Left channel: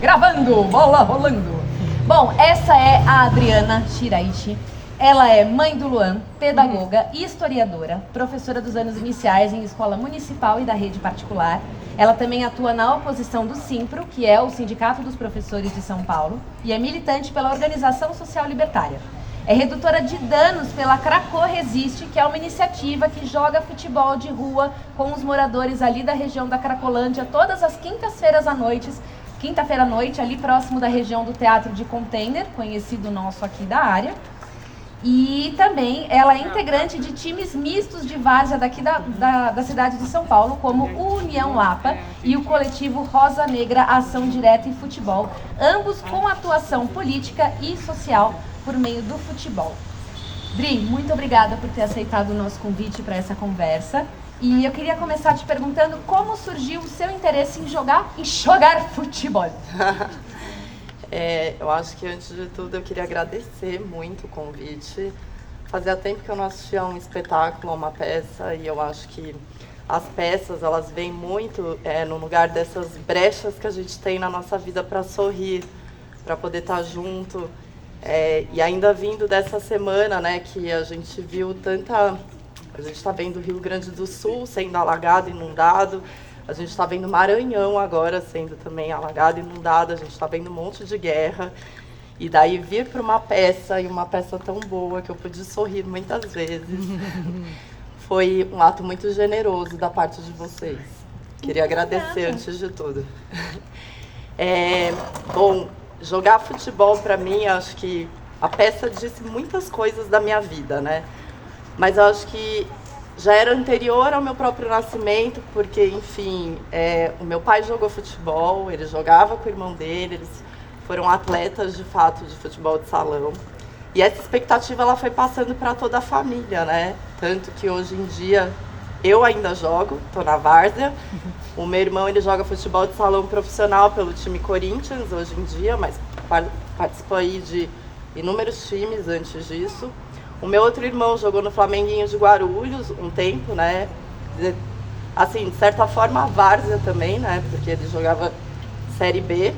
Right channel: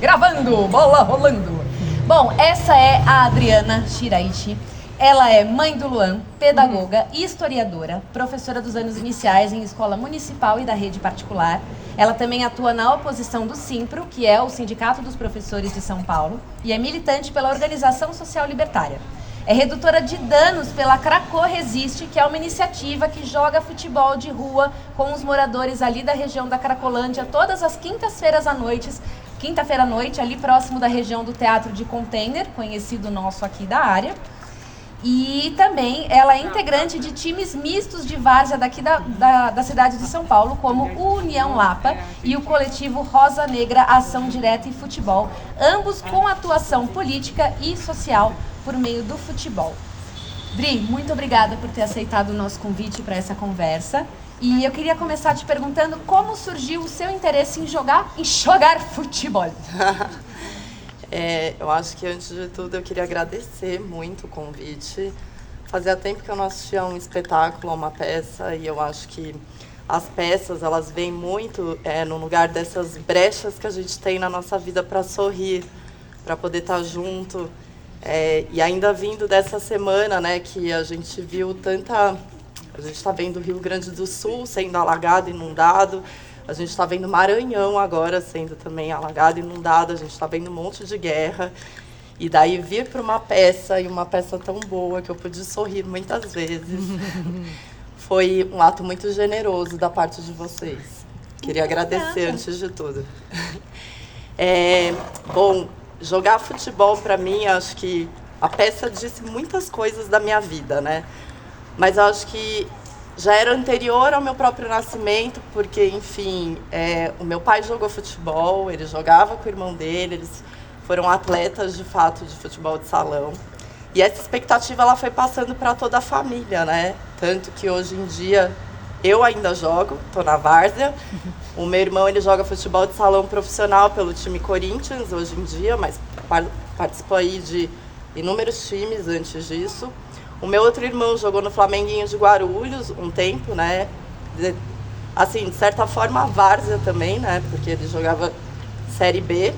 Gravando, bola rolando. Bom, essa é a Adriana Shiraishi. Ela é mãe do Luan, pedagoga e historiadora, professora dos anos iniciais em escola municipal e da rede particular. Ela também atua na oposição do Simpro, que é o Sindicato dos Professores de São Paulo, e é militante pela Organização Social Libertária. É redutora de danos pela Cracô Resiste, que é uma iniciativa que joga futebol de rua com os moradores ali da região da Cracolândia todas as quinta-feiras à noite, ali próximo da região do Teatro de Container, conhecido nosso aqui da área. E também ela é integrante de times mistos de várzea daqui da cidade de São Paulo, como o União Lapa e o coletivo Rosa Negra Ação Direta e Futebol, ambos com atuação política e social por meio do futebol. Dri, muito obrigada por ter aceitado o nosso convite para essa conversa. E eu queria começar te perguntando como surgiu o seu interesse em jogar futebol. Eu acho que, antes de tudo, eu queria agradecer muito o convite. Fazia tempo que eu não assistia um espetáculo, uma peça, e eu acho que as peças, elas vêm muito no lugar dessas brechas que a gente tem na nossa vida para sorrir, para poder estar junto. E ainda vindo dessa semana, né, que a gente viu tanta... A gente está vendo o Rio Grande do Sul sendo alagado, inundado. A gente está vendo Maranhão agora sendo também alagado, inundado. A gente está vendo um monte de guerra. E daí vir para uma peça, e uma peça tão boa que eu pude sorrir muitas vezes, foi um ato muito generoso da parte de vocês. Queria agradecer antes de tudo. Bom, jogar futebol para mim, acho que a peça disse muitas coisas da minha vida, né? Mas eu acho que já era anterior ao meu próprio nascimento, porque, enfim, o meu pai jogou futebol, ele jogava com o irmão dele, eles foram atletas, de fato, de futebol de salão. E essa expectativa, ela foi passando para toda a família, né? Tanto que hoje em dia eu ainda jogo, estou na várzea. O meu irmão, ele joga futebol de salão profissional pelo time Corinthians hoje em dia, mas participou aí de inúmeros times antes disso. O meu outro irmão jogou no Flamenguinho de Guarulhos um tempo, né? Assim, de certa forma, a várzea também, né? Porque ele jogava Série B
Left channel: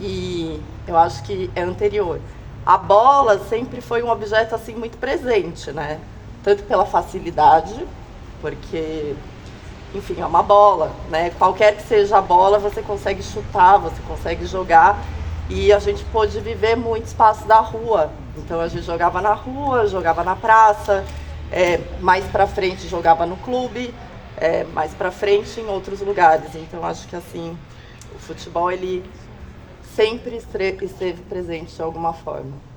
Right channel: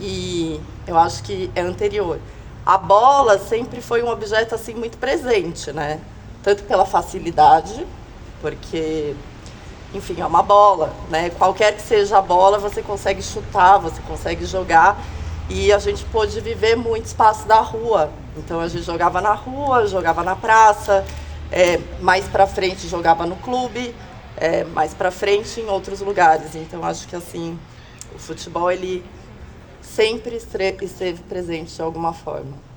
e eu acho que é anterior. A bola sempre foi um objeto, assim, muito presente, né? Tanto pela facilidade, porque, enfim, é uma bola, né? Qualquer que seja a bola, você consegue chutar, você consegue jogar. E a gente pôde viver muito espaço da rua. Então a gente jogava na rua, jogava na praça, mais pra frente jogava no clube, mais pra frente em outros lugares. Então acho que, assim, o futebol, ele sempre esteve presente de alguma forma.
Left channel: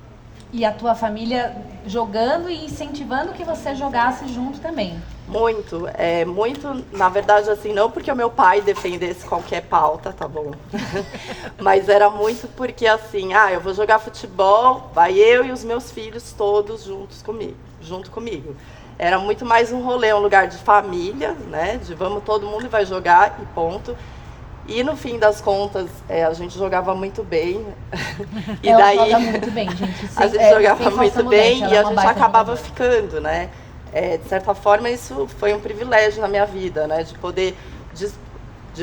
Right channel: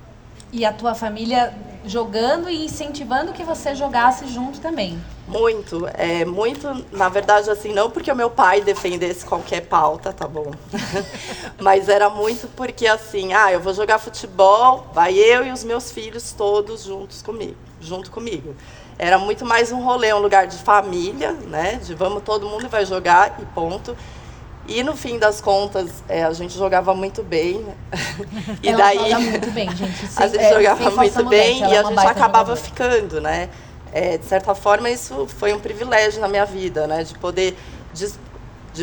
E a tua família jogando e incentivando que você jogasse junto também? Muito, muito, na verdade, assim, não porque o meu pai defendesse qualquer pauta, tá bom? Mas era muito porque, assim, eu vou jogar futebol, vai eu e os meus filhos todos junto comigo. Era muito mais um rolê, um lugar de família, né? De vamos, todo mundo vai jogar e ponto. E no fim das contas, a gente jogava muito bem. E ela joga muito bem, gente. A gente jogava muito bem e a gente acabava ficando, né? De certa forma, isso foi um privilégio na minha vida, né? De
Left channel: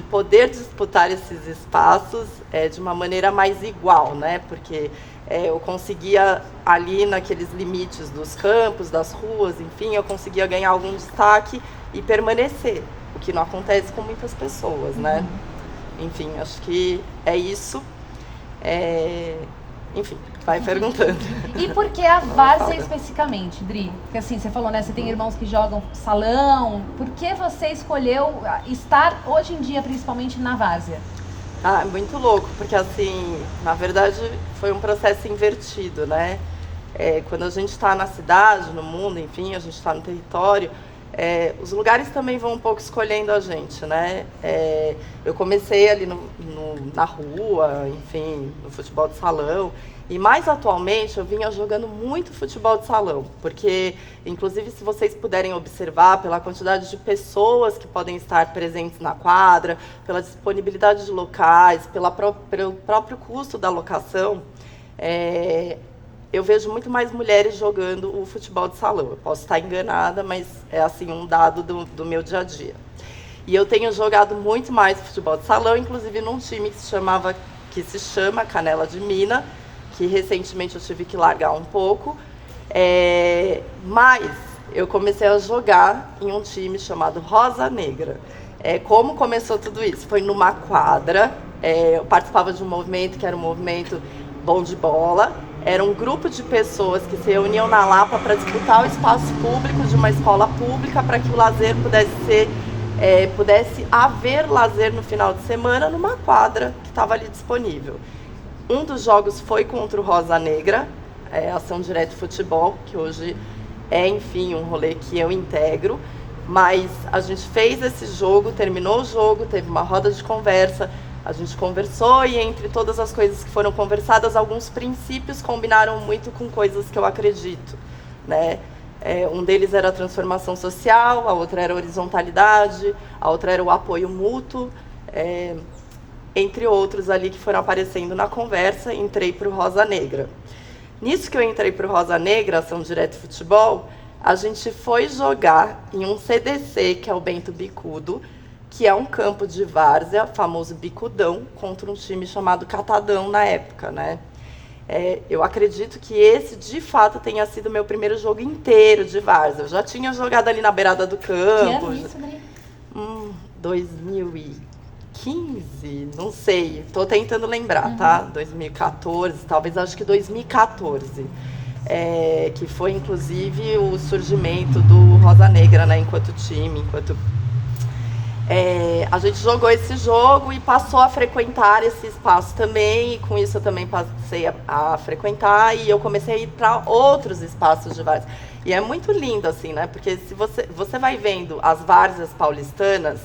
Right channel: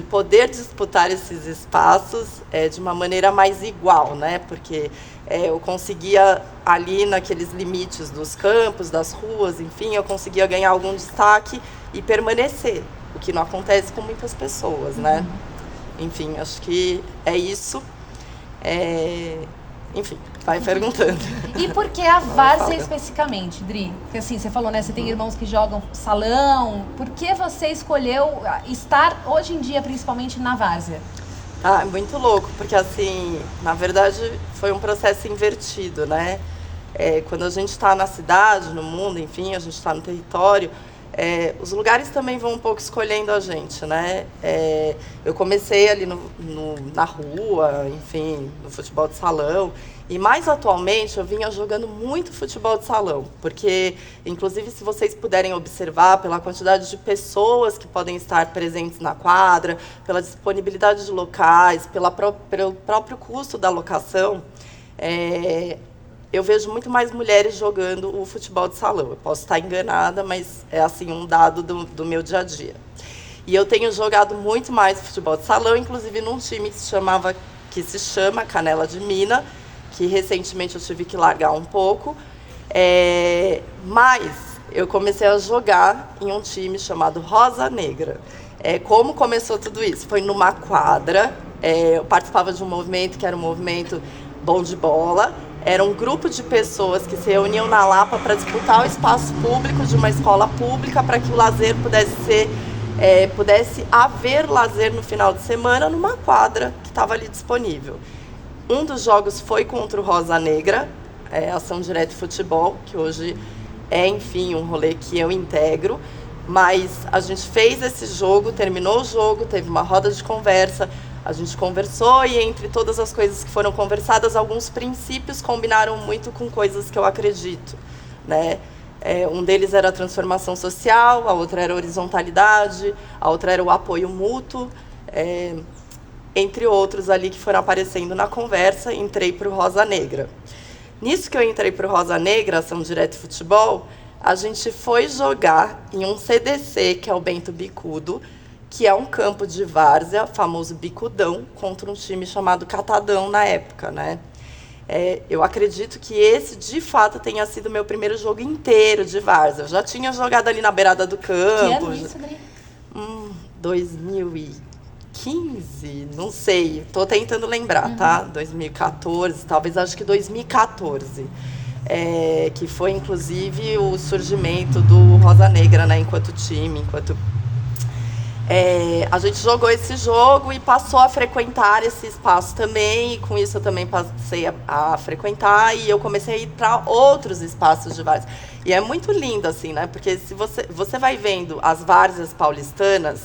poder disputar esses espaços de uma maneira mais igual, né? Porque eu conseguia, ali naqueles limites dos campos, das ruas, enfim, eu conseguia ganhar algum destaque e permanecer, o que não acontece com muitas pessoas, né? Enfim, acho que é isso. Enfim, vai perguntando. E por que a várzea especificamente, Dri? Porque, assim, você falou, né? Você tem irmãos que jogam salão. Por que você escolheu estar hoje em dia, principalmente, na várzea? É muito louco, porque, assim, na verdade, foi um processo invertido, né? Quando a gente está na cidade, no mundo, enfim, a gente está no território, os lugares também vão um pouco escolhendo a gente, né? Eu comecei ali na rua, enfim, no futebol de salão. E mais atualmente eu vinha jogando muito futebol de salão, porque, inclusive, se vocês puderem observar pela quantidade de pessoas que podem estar presentes na quadra, pela disponibilidade de locais, pelo próprio custo da locação, eu vejo muito mais mulheres jogando o futebol de salão. Eu posso estar enganada, mas é, assim, um dado do meu dia a dia. E eu tenho jogado muito mais futebol de salão, inclusive num time que se chamava que se chama Canela de Mina, que recentemente eu tive que largar um pouco. Mas eu comecei a jogar em um time chamado Rosa Negra. Como começou tudo isso? Foi numa quadra, eu participava de um movimento que era um movimento bom de bola. Era um grupo de pessoas que se reuniam na Lapa para disputar o espaço público de uma escola pública para que o lazer pudesse haver lazer no final de semana numa quadra que estava ali disponível. Um dos jogos foi contra o Rosa Negra, Ação Direta Futebol, que hoje enfim, um rolê que eu integro. Mas a gente fez esse jogo, terminou o jogo, teve uma roda de conversa, a gente conversou e entre todas as coisas que foram conversadas, alguns princípios combinaram muito com coisas que eu acredito, né? Um deles era a transformação social, a outra era a horizontalidade, a outra era o apoio mútuo, entre outros ali que foram aparecendo na conversa. Entrei para o Rosa Negra. Nisso que eu entrei para o Rosa Negra, Ação Direta Futebol, a gente foi jogar em um CDC, que é o Bento Bicudo, que é um campo de várzea, famoso Bicudão, contra um time chamado Catadão na época, né? Eu acredito que esse, de fato, tenha sido meu primeiro jogo inteiro de várzea. Eu já tinha jogado ali na beirada do campo. Que ano isso, Dri? 2015, não sei, tô tentando lembrar, tá? 2014, talvez, acho que 2014. Que foi, inclusive, o surgimento do Rosa Negra, né? Enquanto time, a gente jogou esse jogo e passou a frequentar esse espaço também, e com isso eu também passei a frequentar, e eu comecei a ir para outros espaços de várzea. E é muito lindo, assim, né? Porque se você vai vendo as várzeas paulistanas,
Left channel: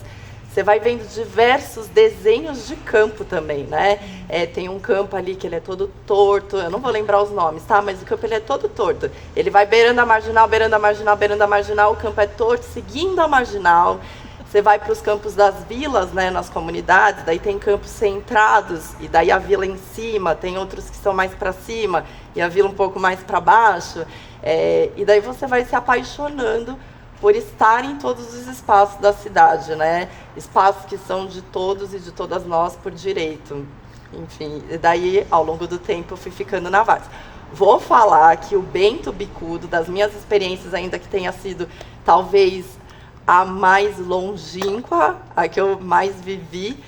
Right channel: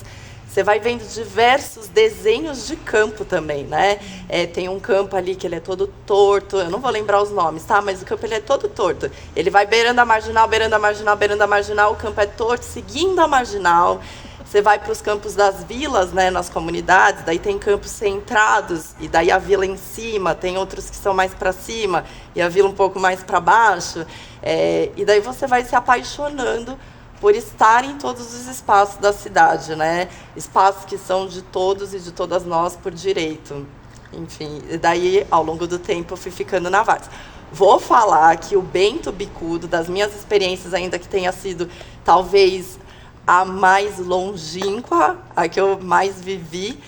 você vai vendo diversos desenhos de campo também, né? Tem um campo ali que ele é todo torto, eu não vou lembrar os nomes, tá? Mas o campo ele é todo torto. Ele vai beirando a marginal, beirando a marginal, beirando a marginal, o campo é torto, seguindo a marginal. Você vai para os campos das vilas, né, nas comunidades, daí tem campos centrados, e daí a vila em cima, tem outros que são mais para cima, e a vila um pouco mais para baixo. E daí você vai se apaixonando por estar em todos os espaços da cidade, né? Espaços que são de todos e de todas nós por direito. Enfim, e daí, ao longo do tempo, eu fui ficando na várzea. Vou falar que o Bento Bicudo, das minhas experiências, ainda que tenha sido, talvez, a mais longínqua, a que eu mais vivi,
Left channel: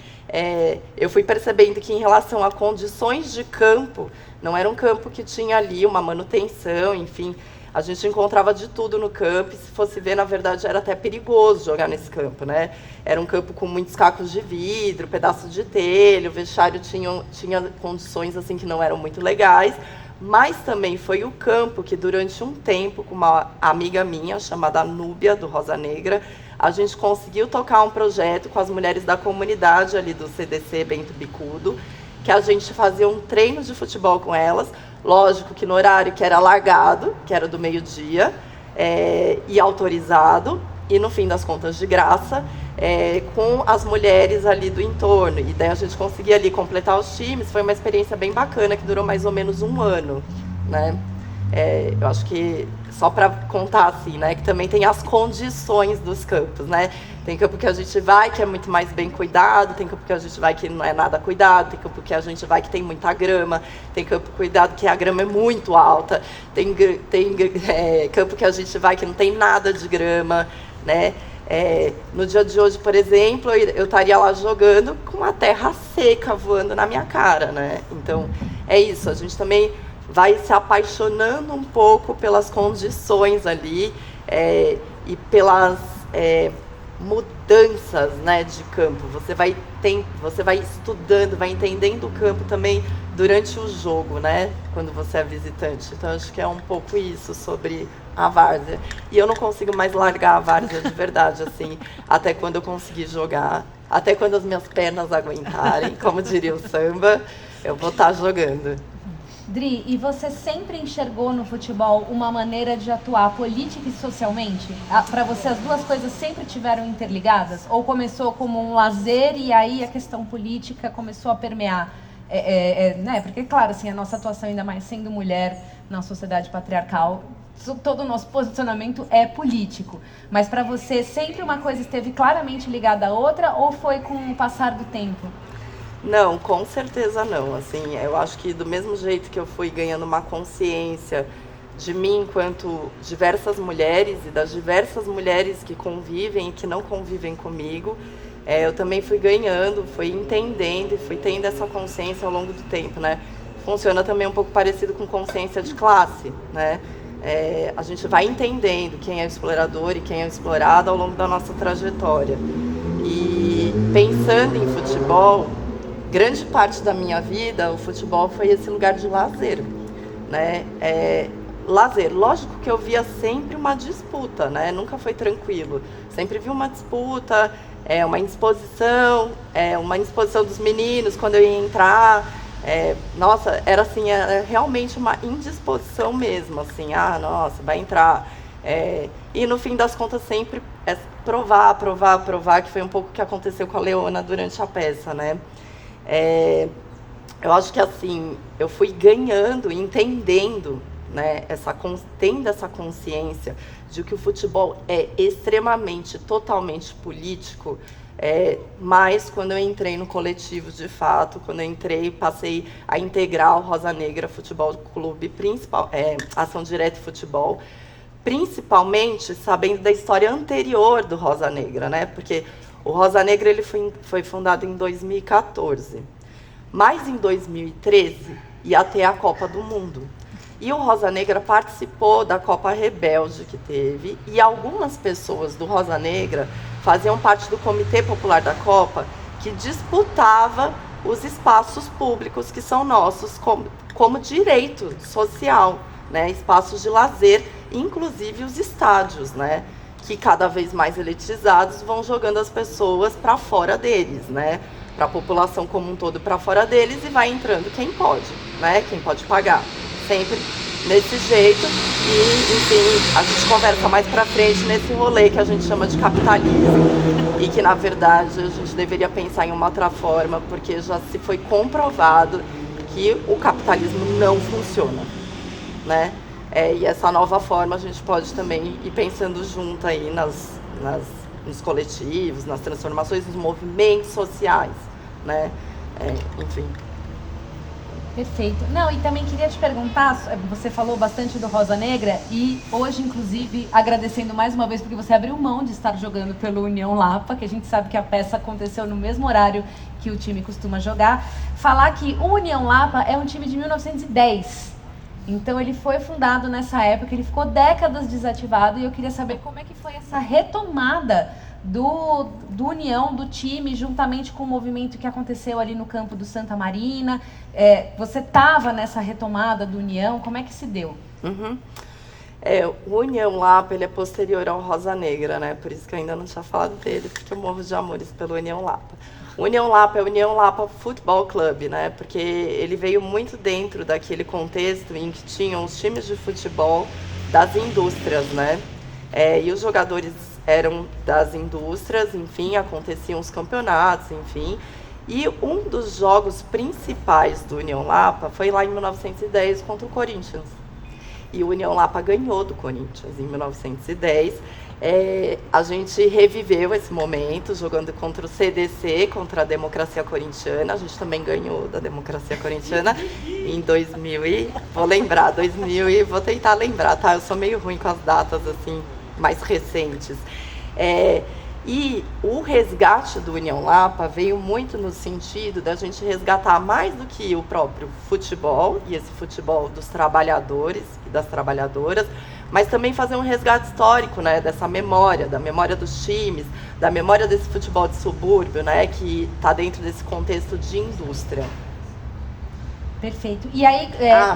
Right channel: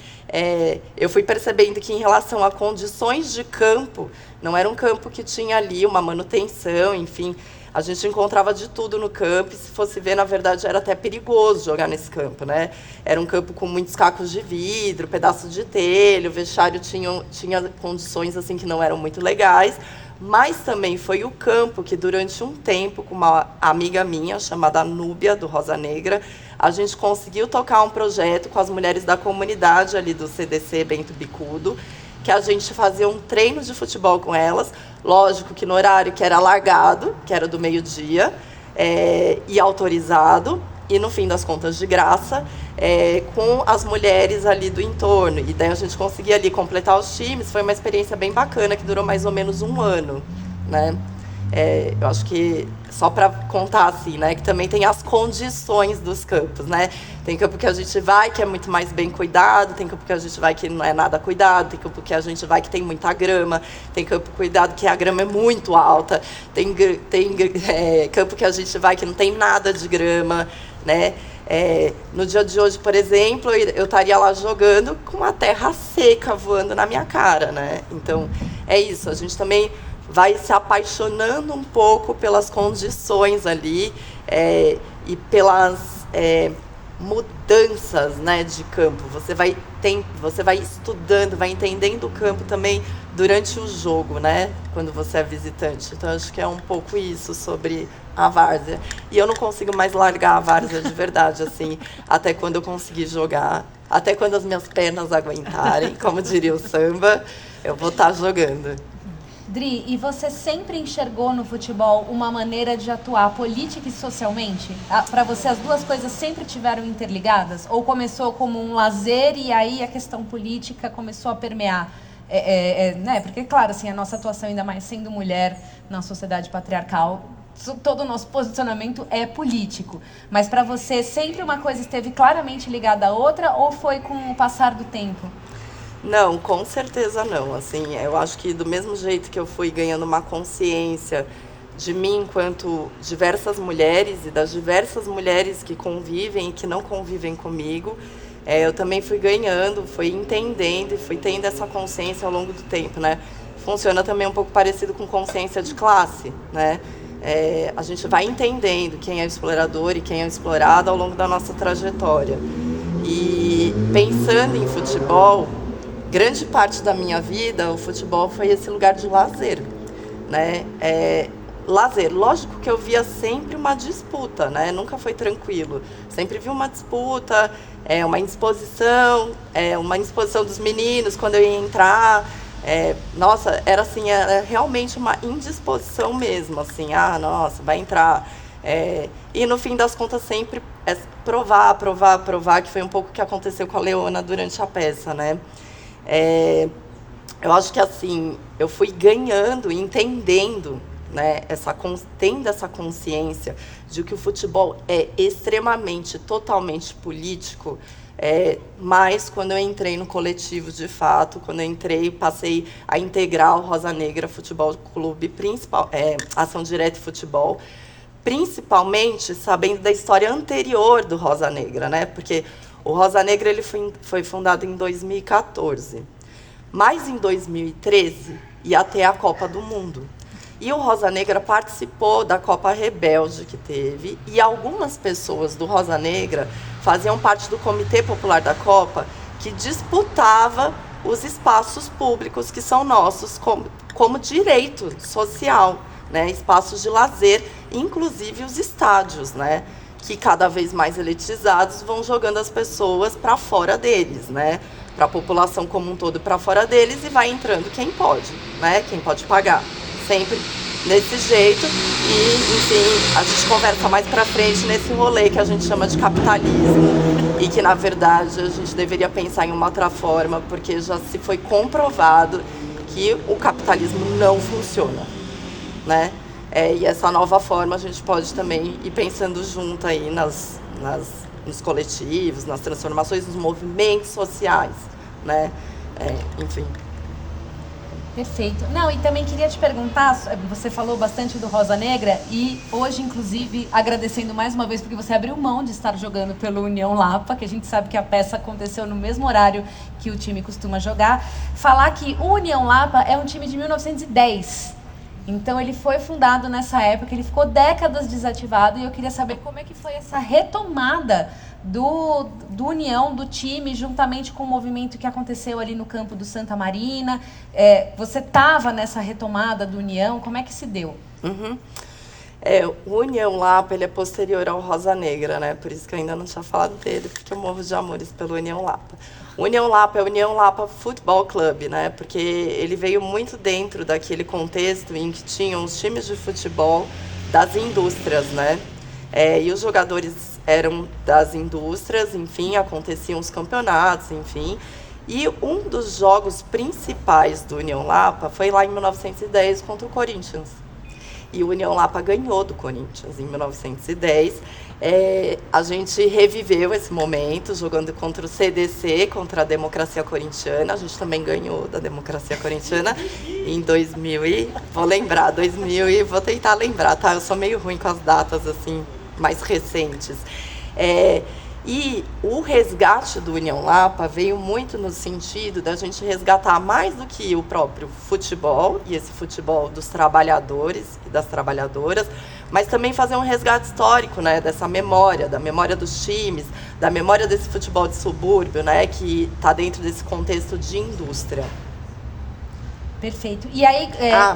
eu fui percebendo que, em relação a condições de campo, não era um campo que tinha ali uma manutenção, enfim. A gente encontrava de tudo no campo, e se fosse ver, na verdade, era até perigoso jogar nesse campo, né? Era um campo com muitos cacos de vidro, pedaços de telha, o vestiário tinha condições assim que não eram muito legais, mas também foi o campo que, durante um tempo, com uma amiga minha, chamada Núbia, do Rosa Negra, a gente conseguiu tocar um projeto com as mulheres da comunidade ali do CDC Bento Bicudo, que a gente fazia um treino de futebol com elas, lógico que no horário que era largado, que era do meio-dia, e autorizado, e no fim das contas de graça, com as mulheres ali do entorno. E daí a gente conseguia ali completar os times. Foi uma experiência bem bacana, que durou mais ou menos um ano, né? Eu acho que, só para contar assim, né, que também tem as condições dos campos, né? Tem campo que a gente vai que é muito mais bem cuidado, tem campo que a gente vai que não é nada cuidado, tem campo que a gente vai que tem muita grama, tem campo cuidado que a grama é muito alta, tem campo que a gente vai que não tem nada de grama, né? No dia de hoje, por exemplo, eu estaria lá jogando com a terra seca voando na minha cara, né? Então, é isso, a gente também vai se apaixonando um pouco pelas condições ali, e pelas mudanças, né, de campo. Você vai estudando, vai entendendo o campo também durante o jogo, né, quando você é visitante. Então, acho que é um pouco isso sobre a várzea. E eu não consigo mais largar a várzea de verdade, assim, até quando eu conseguir jogar, até quando as minhas pernas aguentarem, como diria o samba, eu vou estar jogando. Dri, e você sempre enxergou no futebol uma maneira de atuar política e socialmente? Para você, as duas coisas sempre tiveram interligadas? Ou começou como um lazer e aí a questão política começou a permear? Né? Porque, claro, assim, a nossa atuação, ainda mais sendo mulher na sociedade patriarcal, todo o nosso posicionamento é político. Mas para você, sempre uma coisa esteve claramente ligada à outra, ou foi com o passar do tempo? Não, com certeza não. Assim, eu acho que do mesmo jeito que eu fui ganhando uma consciência de mim enquanto diversas mulheres e das diversas mulheres que convivem e que não convivem comigo, eu também fui ganhando, fui entendendo e fui tendo essa consciência ao longo do tempo, né? Funciona também um pouco parecido com consciência de classe, né? A gente vai entendendo quem é o explorador e quem é o explorado ao longo da nossa trajetória. E pensando em futebol, grande parte da minha vida, o futebol foi esse lugar de lazer, né? Lazer, lógico que eu via sempre uma disputa, né? Nunca foi tranquilo. Sempre vi uma disputa, uma indisposição dos meninos quando eu ia entrar. Nossa, era assim, era realmente uma indisposição mesmo, assim, nossa, vai entrar. E no fim das contas sempre provar, que foi um pouco o que aconteceu com a Leona durante a peça, né? Eu acho que assim, eu fui ganhando, entendendo, né, tendo essa consciência de que o futebol é extremamente, totalmente político, mas quando eu entrei no coletivo de fato, quando eu passei a integrar o Rosa Negra Futebol Clube, Ação Direta e Futebol, principalmente sabendo da história anterior do Rosa Negra, né? Porque o Rosa Negra ele foi fundado em 2014, mas em 2013 ia ter a Copa do Mundo. E o Rosa Negra participou da Copa Rebelde que teve, e algumas pessoas do Rosa Negra faziam parte do Comitê Popular da Copa, que disputava os espaços públicos que são nossos como direito social, né? Espaços de lazer, inclusive os estádios, né? Que cada vez mais elitizados vão jogando as pessoas para fora deles, né? Para a população como um todo para fora deles, e vai entrando quem pode, né? Quem pode pagar. Sempre desse jeito, e enfim, a gente conversa mais pra frente nesse rolê que a gente chama de capitalismo, e que na verdade a gente deveria pensar em uma outra forma, porque já se foi comprovado que o capitalismo não funciona, né? E essa nova forma a gente pode também ir pensando junto aí nos coletivos, nas transformações, nos movimentos sociais, né? Enfim. Perfeito. Não, e também queria te perguntar, você falou bastante do Rosa Negra e hoje, inclusive, agradecendo mais uma vez porque você abriu mão de estar jogando pelo União Lapa, que a gente sabe que a peça aconteceu no mesmo horário que o time costuma jogar. Falar que o União Lapa é um time de 1910. Então ele foi fundado nessa época, ele ficou décadas desativado, e eu queria saber como é que foi essa retomada do União, do time, juntamente com o movimento que aconteceu ali no campo do Santa Marina. Você estava nessa retomada do União, como é que se deu? Uhum. O União Lapa, ele é posterior ao Rosa Negra, né? Por isso que eu ainda não tinha falado dele, porque eu morro de amores pelo União Lapa. O União Lapa é o União Lapa Futebol Clube, né? Porque ele veio muito dentro daquele contexto em que tinham os times de futebol das indústrias, né? E os jogadores eram das indústrias, enfim, aconteciam os campeonatos, enfim. E um dos jogos principais do União Lapa foi lá em 1910 contra o Corinthians. E o União Lapa ganhou do Corinthians em 1910. A gente reviveu esse momento jogando contra o CDC, contra a Democracia Corintiana. A gente também ganhou da Democracia Corintiana em 2000 vou tentar lembrar, tá? Eu sou meio ruim com as datas assim mais recentes. E o resgate do União Lapa veio muito no sentido da gente resgatar mais do que o próprio futebol, e esse futebol dos trabalhadores e das trabalhadoras, mas também fazer um resgate histórico, né, dessa memória, da memória dos times, da memória desse futebol de subúrbio, né, que está dentro desse contexto de indústria. Perfeito. E aí,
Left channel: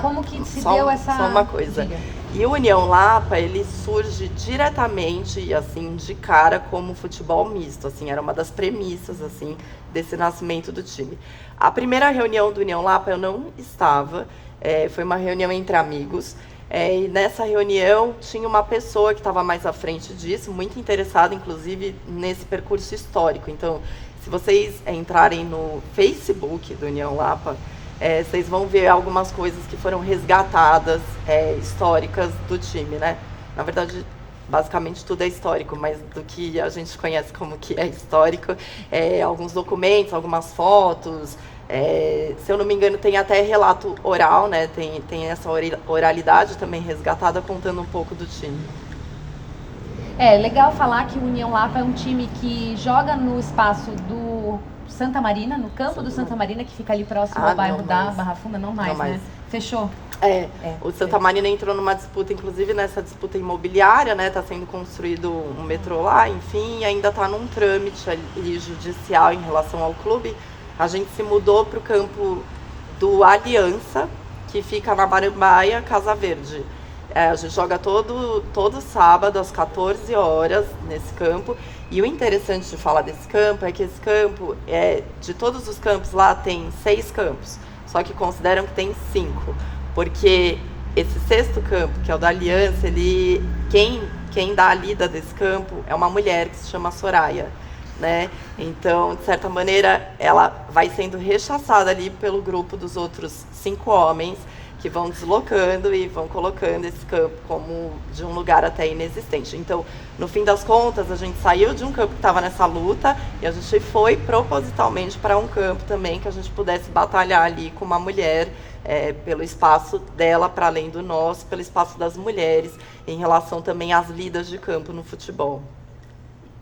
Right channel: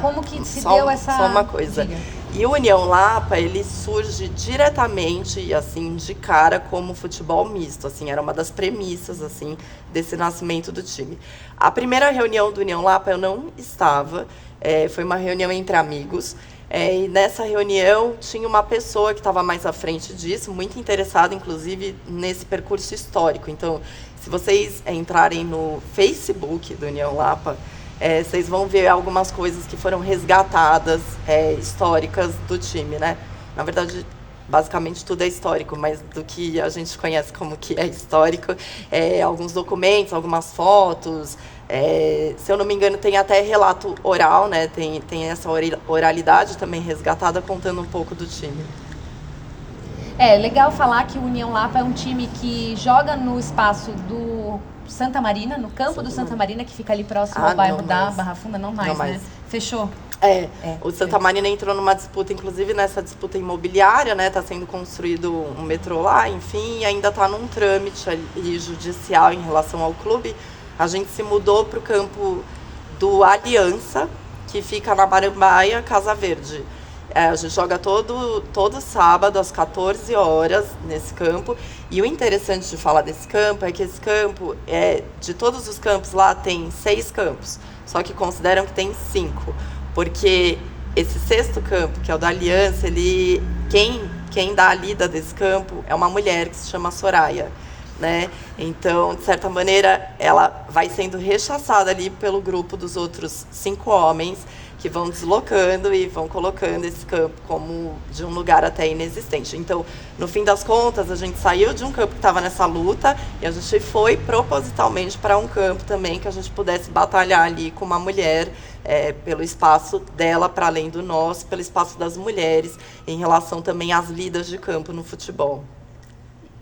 como que se deu essa... Só uma coisa. Diga. E o União Lapa, ele surge diretamente, assim, de cara como futebol misto, assim, era uma das premissas, assim, desse nascimento do time. A primeira reunião do União Lapa eu não estava, foi uma reunião entre amigos, e nessa reunião tinha uma pessoa que estava mais à frente disso, muito interessada, inclusive, nesse percurso histórico. Então, se vocês entrarem no Facebook do União Lapa, vocês vão ver algumas coisas que foram resgatadas, históricas do time, né? Na verdade, basicamente tudo é histórico, mas do que a gente conhece como que é histórico, alguns documentos, algumas fotos, se eu não me engano tem até relato oral, né? Tem essa oralidade também resgatada contando um pouco do time. É legal falar que o União Lapa é um time que joga no espaço do Santa Marina, no campo do Santa Marina, que fica ali próximo ao bairro da Barra Funda, não mais, né? Fechou? O Santa Marina entrou numa disputa, inclusive nessa disputa imobiliária, né? Tá sendo construído um metrô lá, enfim, e ainda tá num trâmite ali judicial em relação ao clube. A gente se mudou pro campo do Aliança, que fica na Marambaia, Casa Verde. A gente joga todo sábado às 14 horas nesse campo. E o interessante de falar desse campo é que esse campo, de todos os campos lá, tem 6 campos. Só que consideram que tem 5. Porque esse 6º campo, que é o da Aliança, quem dá a lida desse campo é uma mulher que se chama Soraya, né? Então, de certa maneira, ela vai sendo rechaçada ali pelo grupo dos outros 5 homens que vão deslocando e vão colocando esse campo como de um lugar até inexistente. Então, no fim das contas, a gente saiu de um campo que estava nessa luta e a gente foi propositalmente para um campo também que a gente pudesse batalhar ali com uma mulher pelo espaço dela, para além do nosso, pelo espaço das mulheres, em relação também às lidas de campo no futebol.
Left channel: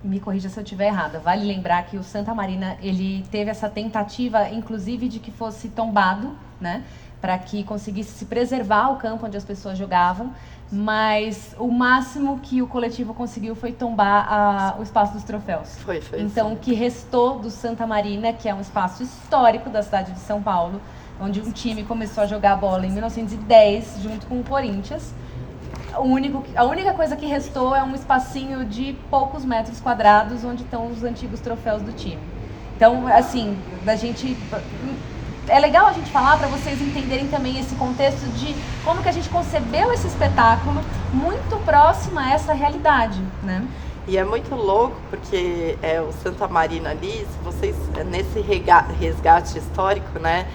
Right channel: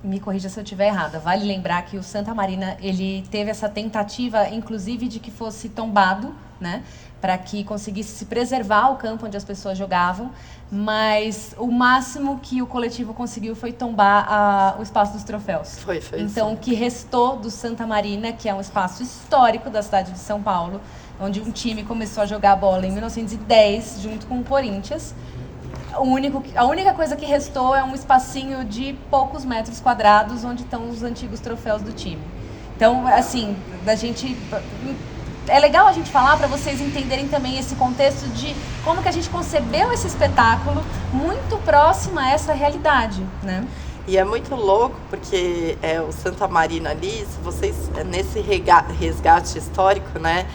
Me corrija se eu estiver errada. Vale lembrar que o Santa Marina, ele teve essa tentativa, inclusive, de que fosse tombado, né? Para que conseguisse se preservar o campo onde as pessoas jogavam, mas o máximo que o coletivo conseguiu foi tombar o espaço dos troféus. Foi então, sim. O que restou do Santa Marina, que é um espaço histórico da cidade de São Paulo, onde um time começou a jogar bola em 1910, junto com o Corinthians. A única coisa que restou é um espacinho de poucos metros quadrados, onde estão os antigos troféus do time. Então, assim, é legal a gente falar para vocês entenderem também esse contexto de como que a gente concebeu esse espetáculo muito próximo a essa realidade, né? E é muito louco porque o Santa Marina ali, se vocês, nesse resgate histórico, né?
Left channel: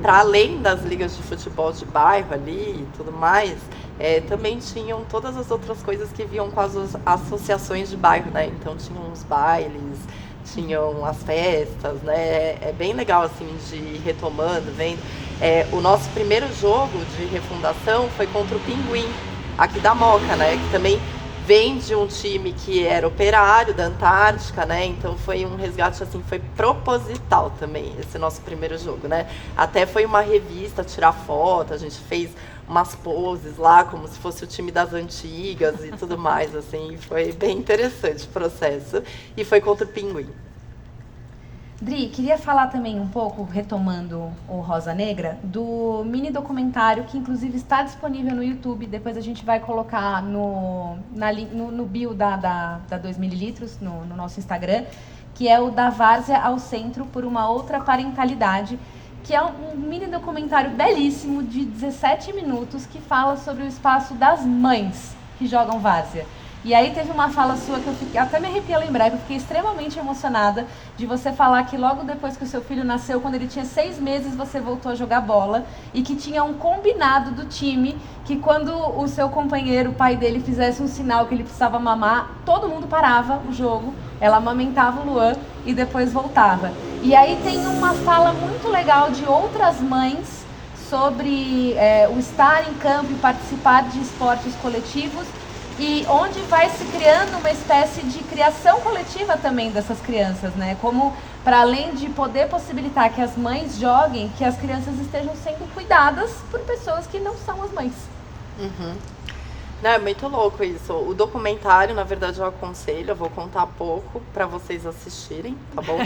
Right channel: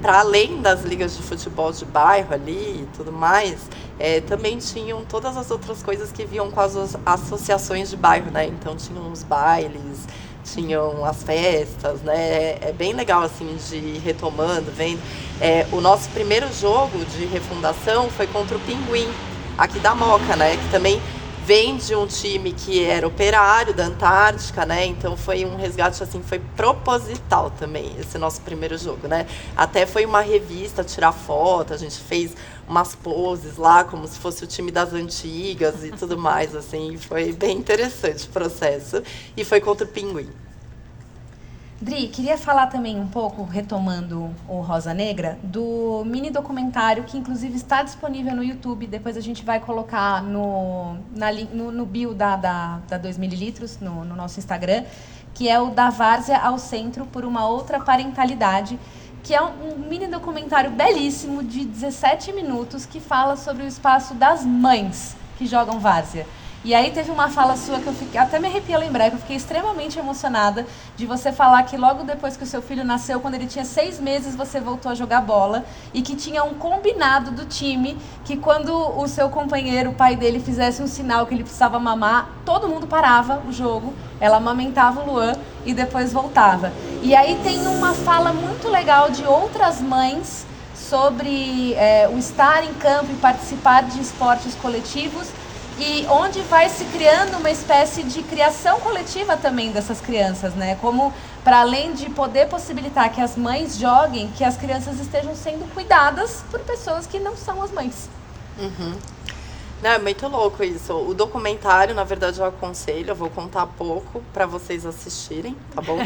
Para além das ligas de futebol de bairro ali e tudo mais, também tinham todas as outras coisas que vinham com as associações de bairro, né? Então tinham os bailes, tinham as festas, né? É bem legal, assim, de ir retomando, vendo. O nosso primeiro jogo de refundação foi contra o Pinguim, aqui da Moca, né? Que também vem de um time que era operário da Antártica, né? Então foi um resgate, assim, foi proposital também, esse nosso primeiro jogo, né? Até foi uma revista tirar foto, a gente fez umas poses lá, como se fosse o time das antigas e tudo mais, assim. Foi bem interessante o processo. E foi contra o Pinguim. Dri, queria falar também um pouco, retomando o Rosa Negra, do mini documentário que inclusive está disponível no YouTube. Depois a gente vai colocar no bio da 2ml, no nosso Instagram, que é o Da Várzea ao Centro por uma Outra Parentalidade, que é um mini documentário belíssimo de 17 minutos que fala sobre o espaço das mães que jogam várzea. E aí teve uma fala sua que eu até me arrepia lembrar, que eu fiquei extremamente emocionada de você falar que logo depois que o seu filho nasceu, quando ele tinha 6 meses, você voltou a jogar bola e que tinha um combinado do time que quando o seu companheiro, o pai dele, fizesse um sinal que ele precisava mamar, todo mundo parava o jogo, ela amamentava o Luan e depois voltava. E aí tem uma fala muito legal de outras mães sobre o estar em campo e participar de esportes coletivos, e onde vai se criando uma espécie de criação coletiva também dessas crianças, né? Como, para além de poder possibilitar que as mães joguem, que as crianças estejam sendo cuidadas por pessoas que não são as mães. Uhum. Não, é muito louco isso. O documentário, na verdade, eu aconselho, eu vou contar pouco para vocês assistirem, tá bom?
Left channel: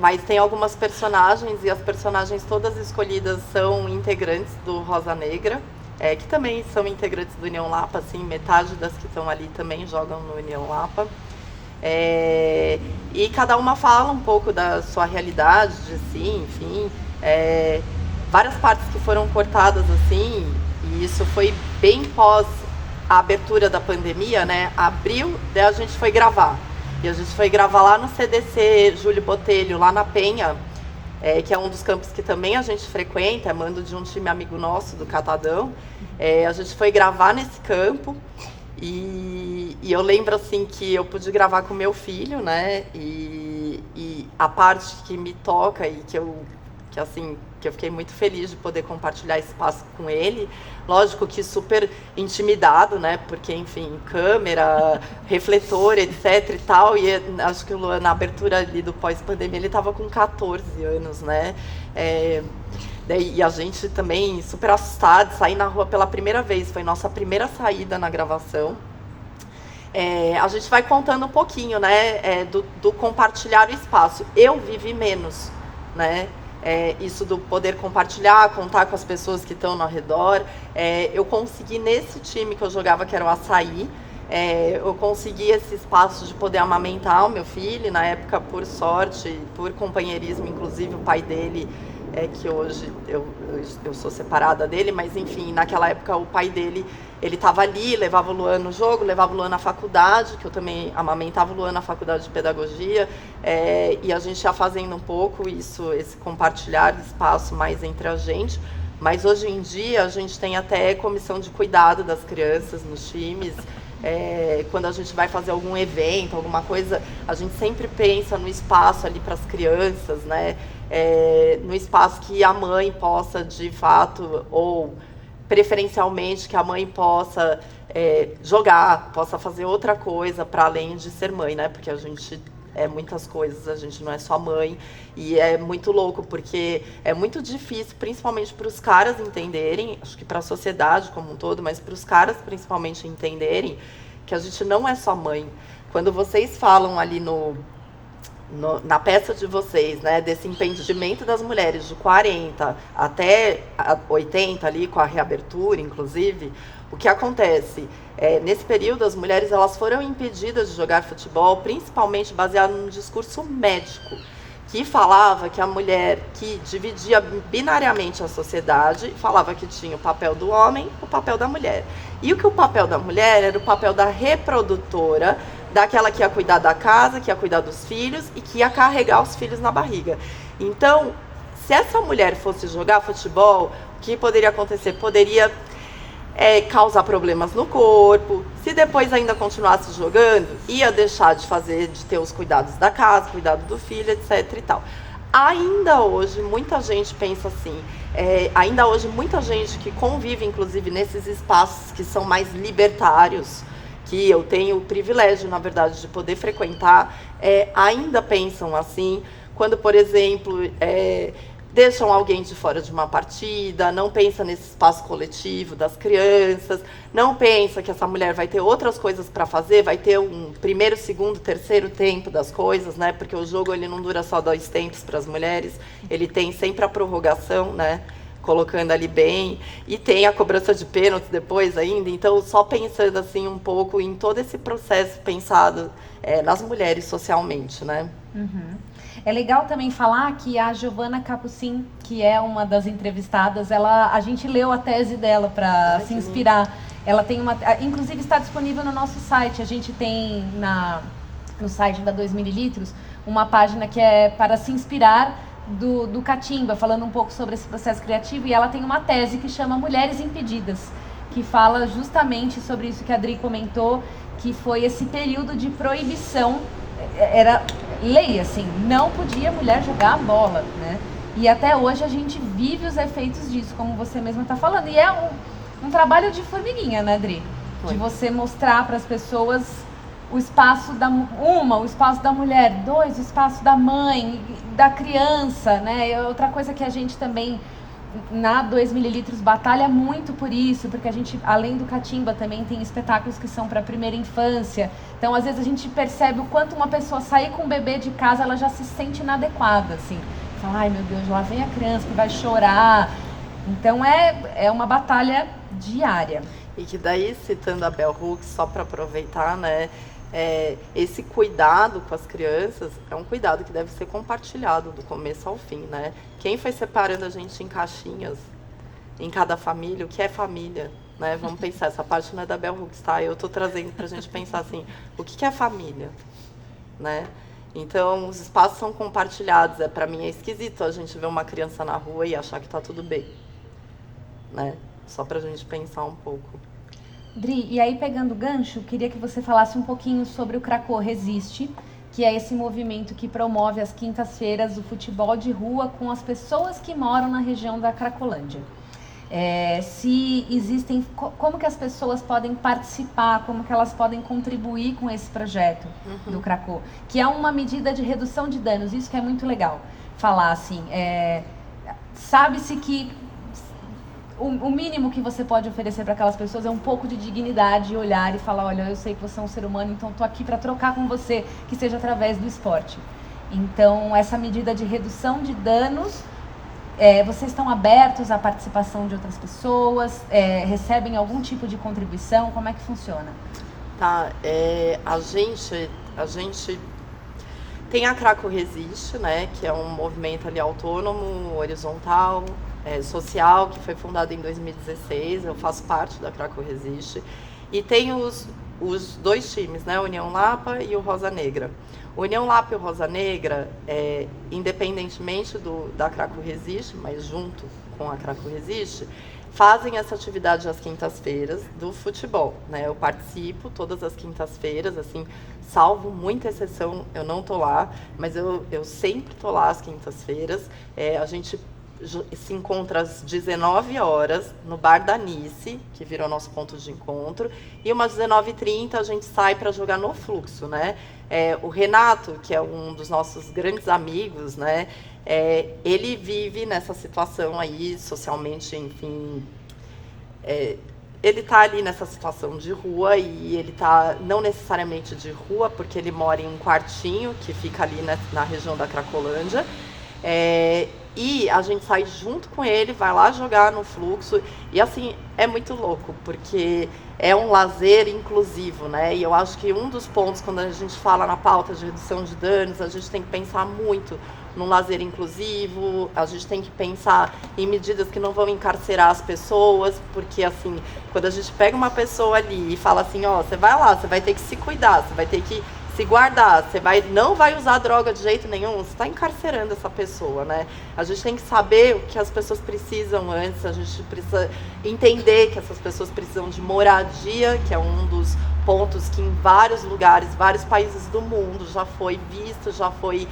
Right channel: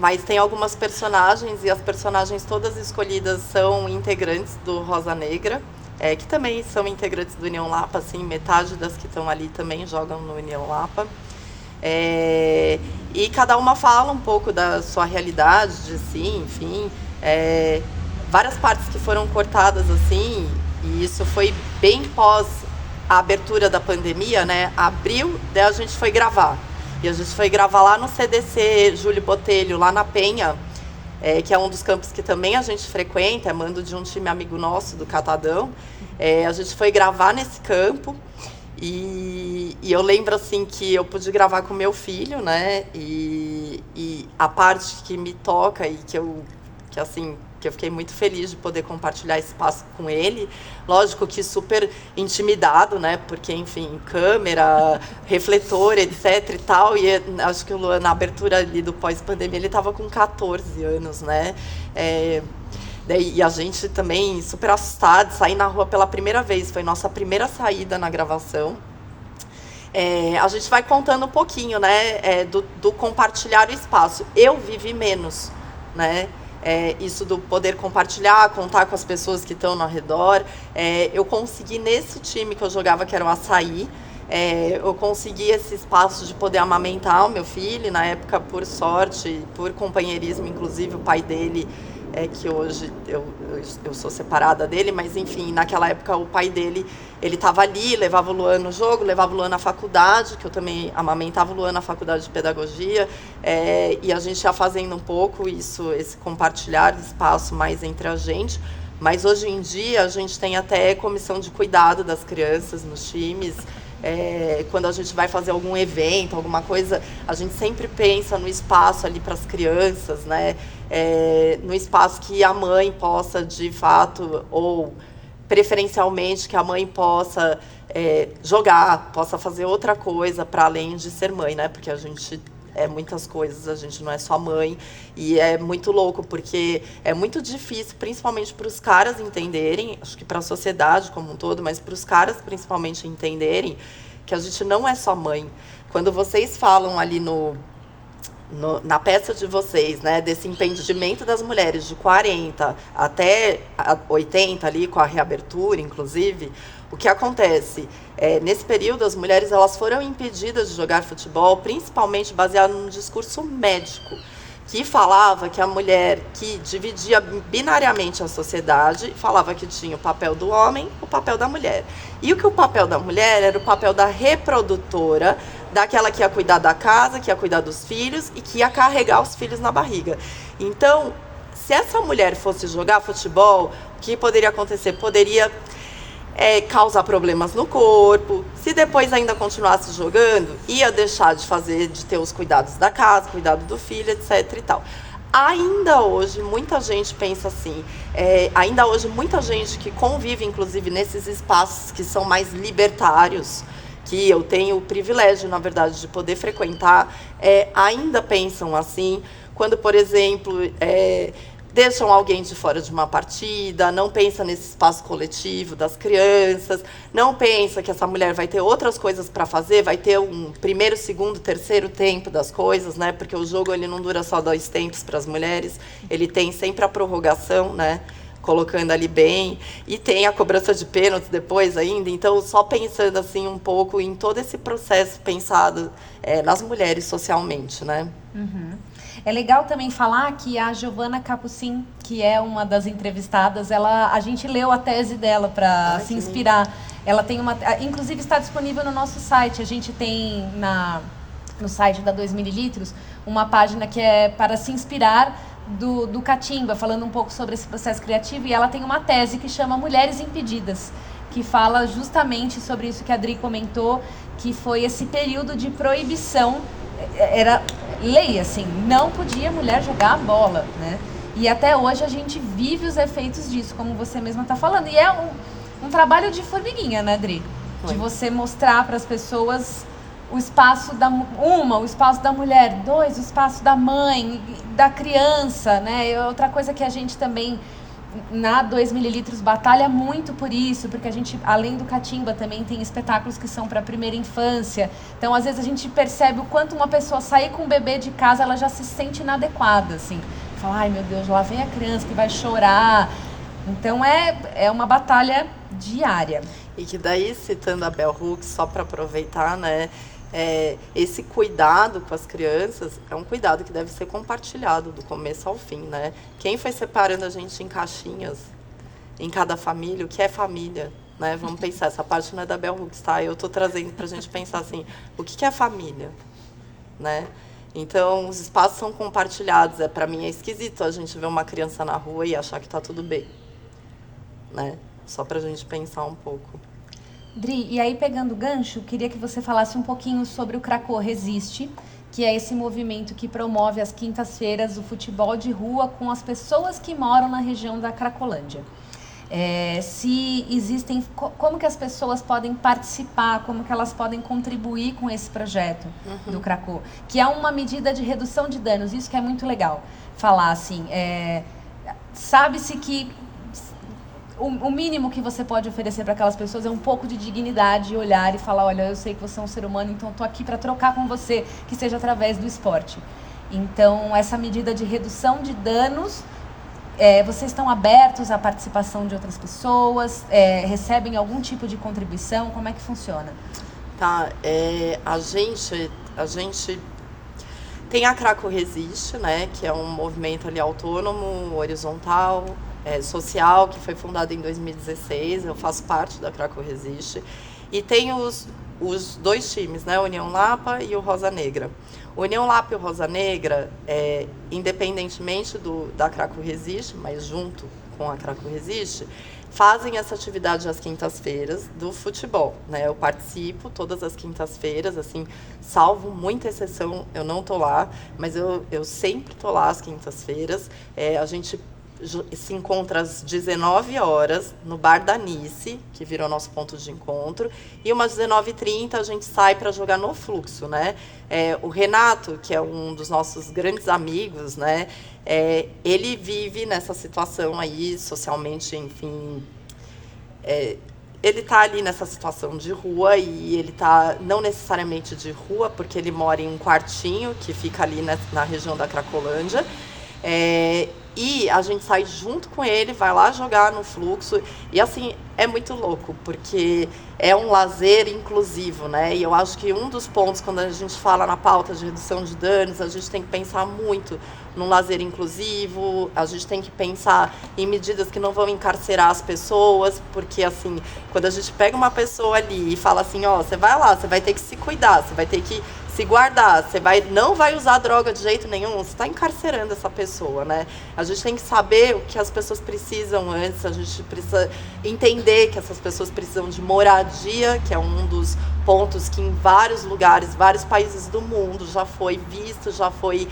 Mas tem algumas personagens, e as personagens todas escolhidas são integrantes do Rosa Negra. Que também são integrantes do União Lapa, assim, metade das que estão ali também jogam no União Lapa. E cada uma fala um pouco da sua realidade, de si, enfim. Várias partes que foram cortadas, assim, e isso foi bem pós a abertura da pandemia, né? Abril, daí a gente foi gravar. E a gente foi gravar lá no CDC Júlio Botelho, lá na Penha, que é um dos campos que também a gente frequenta, é mando de um time amigo nosso, do Catadão. A gente foi gravar nesse campo E eu lembro, assim, que eu pude gravar com meu filho, né? E a parte que me toca e que eu fiquei muito feliz de poder compartilhar esse espaço com ele. Lógico que super intimidado, né? Porque, enfim, câmera, refletor, etc e tal. E acho que o Luan, na abertura ali do pós-pandemia, ele estava com 14 anos, né? E a gente também super assustado, sair na rua pela primeira vez. Foi nossa primeira saída na gravação. A gente vai contando um pouquinho, né? Do compartilhar o espaço. Eu vivi menos, né? Isso do poder compartilhar, contar com as pessoas que estão ao redor. Eu consegui, nesse time que eu jogava, que era o Açaí, eu consegui esse espaço de poder amamentar o meu filho. Na época, por sorte, por companheirismo, inclusive o pai dele, que hoje eu sou separada dele, mas enfim, naquela época o pai dele, ele estava ali, levava o Luan no jogo, levava o Luan na faculdade, que eu também amamentava o Luan na faculdade de pedagogia, e a gente ia fazendo um pouco isso, esse compartilhar de espaço mais entre a gente. Mas hoje em dia a gente tem até comissão de cuidado das crianças nos times. Quando a gente vai fazer algum evento, alguma coisa, a gente sempre pensa no espaço ali para as crianças, né? No espaço que a mãe possa, de fato, ou preferencialmente que a mãe possa jogar, possa fazer outra coisa para além de ser mãe, né? Porque a gente muitas coisas, a gente não é só mãe, e é muito louco, porque é muito difícil, principalmente para os caras entenderem, acho que para a sociedade como um todo, mas para os caras principalmente entenderem que a gente não é só mãe. Quando vocês falam ali na peça de vocês, né, desse impedimento das mulheres de 40 até 80 ali, com a reabertura, inclusive, o que acontece? Nesse período, as mulheres elas foram impedidas de jogar futebol, principalmente baseado num discurso médico, que falava que a mulher que dividia binariamente a sociedade, falava que tinha o papel do homem, o papel da mulher. E o papel da mulher era o papel da reprodutora, daquela que ia cuidar da casa, que ia cuidar dos filhos e que ia carregar os filhos na barriga. Então, se essa mulher fosse jogar futebol, o que poderia acontecer? Poderia causar problemas no corpo. Se depois ainda continuasse jogando, ia deixar de ter os cuidados da casa, cuidado do filho, etc e tal. Ainda hoje, muita gente pensa assim, ainda hoje muita gente que convive, inclusive, nesses espaços que são mais libertários, que eu tenho o privilégio, na verdade, de poder frequentar, ainda pensam assim, quando, por exemplo, deixam alguém de fora de uma partida, não pensa nesse espaço coletivo das crianças, não pensa que essa mulher vai ter outras coisas para fazer, vai ter um primeiro, segundo, terceiro tempo das coisas, né? Porque o jogo ele não dura só 2 tempos para as mulheres, ele tem sempre a prorrogação, né? Colocando ali bem, e tem a cobrança de pênalti depois ainda, então só pensando assim um pouco em todo esse processo pensado nas mulheres socialmente, né? Uhum. É legal também falar que a Giovana Capucin, que é uma das entrevistadas, a gente leu a tese dela para se inspirar. Ela tem inclusive está disponível no nosso site. A gente tem no site da 2ml uma página que é para se inspirar do Catimba, falando um pouco sobre esse processo criativo, e ela tem uma tese que chama Mulheres Impedidas, que fala justamente sobre isso que a Adri comentou, que foi esse período de proibição. Era lei, assim, não podia mulher jogar a bola, né? E até hoje a gente vive os efeitos disso, como você mesma está falando. E é um trabalho de formiguinha, né, Adri? De você mostrar para as pessoas o espaço o espaço da mulher, 2, o espaço da mãe, da criança, né? Outra coisa que a gente também, na 2ml, batalha muito por isso, porque a gente, além do Catimba, também tem espetáculos que são para a primeira infância. Então, às vezes, a gente percebe o quanto uma pessoa sair com o bebê de casa, ela já se sente inadequada, assim. Fala, ai meu Deus, lá vem a criança que vai chorar. Então, é uma batalha diária. E que daí, citando a Bell Hooks, só para aproveitar, né? Esse cuidado com as crianças é um cuidado que deve ser compartilhado do começo ao fim, né? Quem foi separando a gente em caixinhas, em cada família, o que é família, né? Vamos pensar, essa parte não é da Bell Hooks, tá? Eu tô trazendo pra gente pensar assim, o que é família, né? Então, os espaços são compartilhados. Para mim é esquisito a gente ver uma criança na rua e achar que tá tudo bem, né? Só pra gente pensar um pouco. Dri, e aí pegando o gancho, queria que você falasse um pouquinho sobre o Cracô Resiste, que é esse movimento que promove às quintas-feiras o futebol de rua com as pessoas que moram na região da Cracolândia. Se existem, como que as pessoas podem participar, como que elas podem contribuir com esse projeto do Cracô, que é uma medida de redução de danos, isso que é muito legal falar assim, sabe-se que o mínimo que você pode oferecer para aquelas pessoas é um pouco de dignidade, olhar e falar, olha, eu sei que você é um ser humano, então estou aqui para trocar com você, que seja através do esporte. Então, essa medida de redução de danos, vocês estão abertos à participação de outras pessoas? Recebem algum tipo de contribuição? Como é que funciona? Tá, a gente tem a Cracô Resiste, né, que é um movimento ali autônomo, horizontal, social, que foi fundado em 2016, eu faço parte da Cracô Resiste, e tem os dois times, né, União Lapa e o Rosa Negra. O União Lapa e o Rosa Negra, independentemente da Cracô Resiste, mas junto com a Cracô Resiste, fazem essa atividade às quintas-feiras do futebol, né? Eu participo todas as quintas-feiras, assim, salvo muita exceção, eu não tô lá, mas eu sempre tô lá às quintas-feiras. A gente se encontra às 19 horas no Bar da Nice, que virou nosso ponto de encontro, e umas 19h30 a gente sai para jogar no Fluxo, né? O Renato, que é um dos nossos grandes amigos, né? Ele vive nessa situação aí, socialmente, enfim, ele tá ali nessa situação de rua, e ele tá não necessariamente de rua, porque ele mora em um quartinho que fica ali na região da Cracolândia, e a gente sai junto com ele, vai lá jogar no Fluxo, e assim, é muito louco, porque é um lazer inclusivo, né? E eu acho que um dos pontos, quando a gente fala na pauta de redução de danos, a gente tem que pensar muito num lazer inclusivo, a gente tem que pensar em medidas que não vão encarcerar as pessoas, porque assim, quando a gente pega uma pessoa ali e fala assim, ó, você vai lá, você vai ter que se cuidar, você vai ter que se guardar, não vai usar droga de jeito nenhum, você está encarcerando essa pessoa, né? A gente tem que saber o que as pessoas precisam antes, a gente precisa entender que essas pessoas precisam de moradia, que é um dos pontos que em vários lugares, vários países do mundo já foi visto, já foi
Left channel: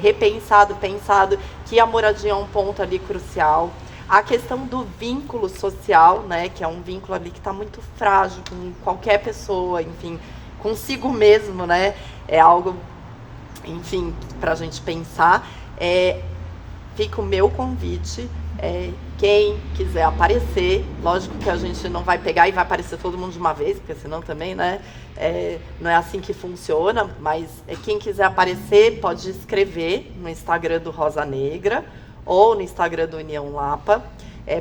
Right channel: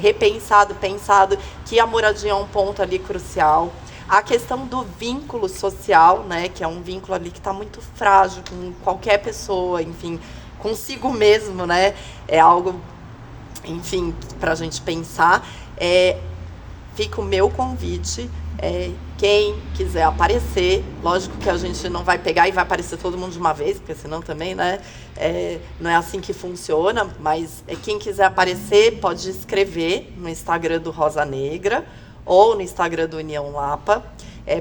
repensado, pensado, que a moradia é um ponto ali crucial. A questão do vínculo social, né, que é um vínculo ali que está muito frágil com qualquer pessoa, enfim, consigo mesmo, né? É algo, enfim, para a gente pensar. Fica o meu convite. Quem quiser aparecer, lógico que a gente não vai pegar e vai aparecer todo mundo de uma vez, porque senão também, né? Não é assim que funciona, mas quem quiser aparecer pode escrever no Instagram do Rosa Negra ou no Instagram do União Lapa.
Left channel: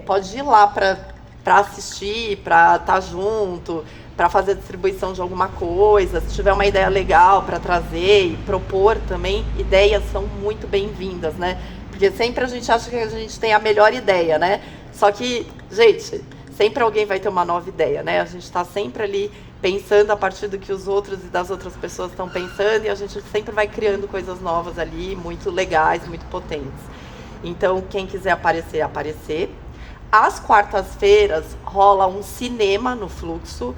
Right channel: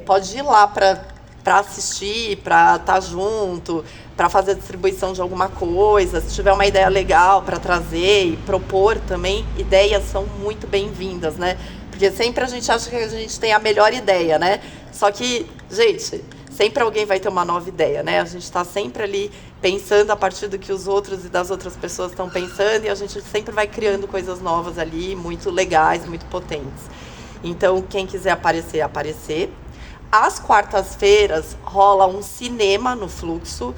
Pode ir lá para assistir, para estar junto, para fazer a distribuição de alguma coisa. Se tiver uma ideia legal para trazer e propor também, ideias são muito bem-vindas, né? Porque sempre a gente acha que a gente tem a melhor ideia, né? Só que, gente, sempre alguém vai ter uma nova ideia, né? A gente está sempre ali pensando a partir do que os outros e das outras pessoas estão pensando, e a gente sempre vai criando coisas novas ali, muito legais, muito potentes. Então, quem quiser aparecer, aparecer. Às quartas-feiras rola um cinema no Fluxo.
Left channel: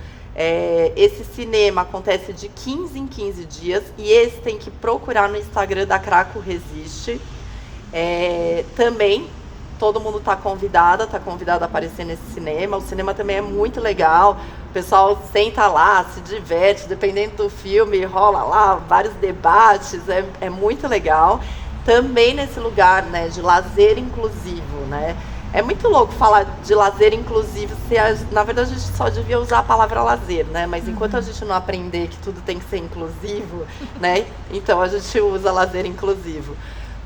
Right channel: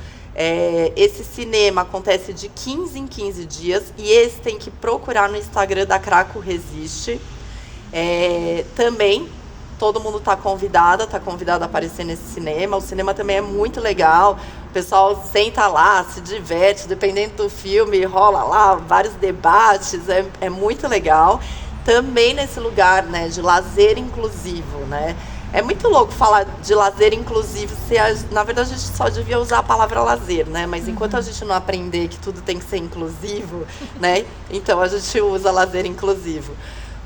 Esse cinema acontece de 15 em 15 dias, e esse tem que procurar no Instagram da Cracô Resiste. Também todo mundo está convidado a aparecer nesse cinema. O cinema também é muito legal, o pessoal senta lá, se diverte, dependendo do filme, rola lá vários debates, é muito legal. Também nesse lugar, né, de lazer inclusivo, né? É muito louco falar de lazer inclusivo, na verdade a gente só devia usar a palavra lazer, né? Mas enquanto a gente não aprender que tudo tem que ser inclusivo, né? Então a gente usa lazer inclusivo.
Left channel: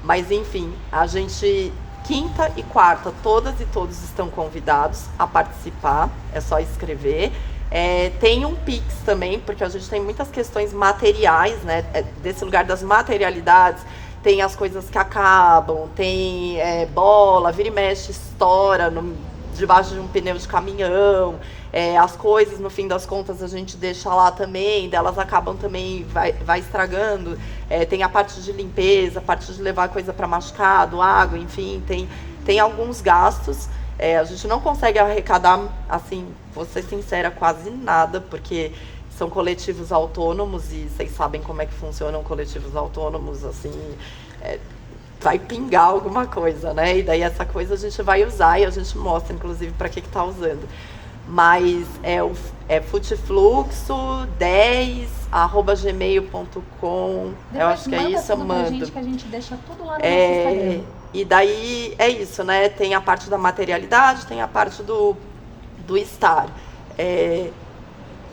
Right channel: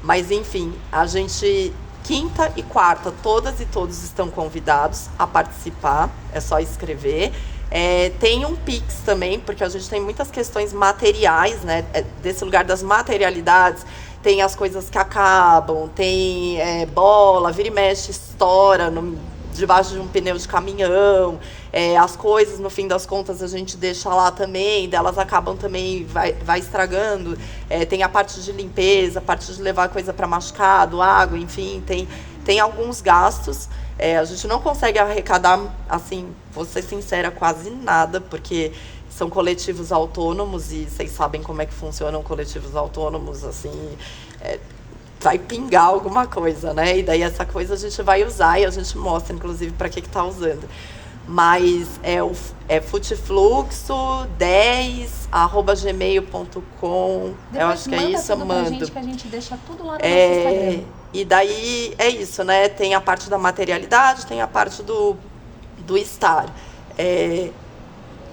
Mas enfim, a gente, quinta e quarta, todas e todos estão convidados a participar, é só escrever. Tem um Pix também, porque a gente tem muitas questões materiais, né? Desse lugar das materialidades. Tem as coisas que acabam, tem bola, vira e mexe, estoura debaixo de um pneu de caminhão. As coisas, no fim das contas, a gente deixa lá também, elas acabam também, vai estragando. Tem a parte de limpeza, a parte de levar coisa para machucado, água, enfim, tem alguns gastos. A gente não consegue arrecadar, assim, vou ser sincera, quase nada, porque são coletivos autônomos e vocês sabem como é que funcionam coletivos autônomos, assim, vai pingar alguma coisa, né? E daí essa coisa a gente vai usar e a gente mostra, inclusive, para que tá usando. Mas é futefluxo10@gmail.com. Eu acho que é isso, eu mando. Gente, que a gente deixa tudo lá no nosso Instagram. E daí é isso, né? Tem a parte da materialidade, tem a parte do estar.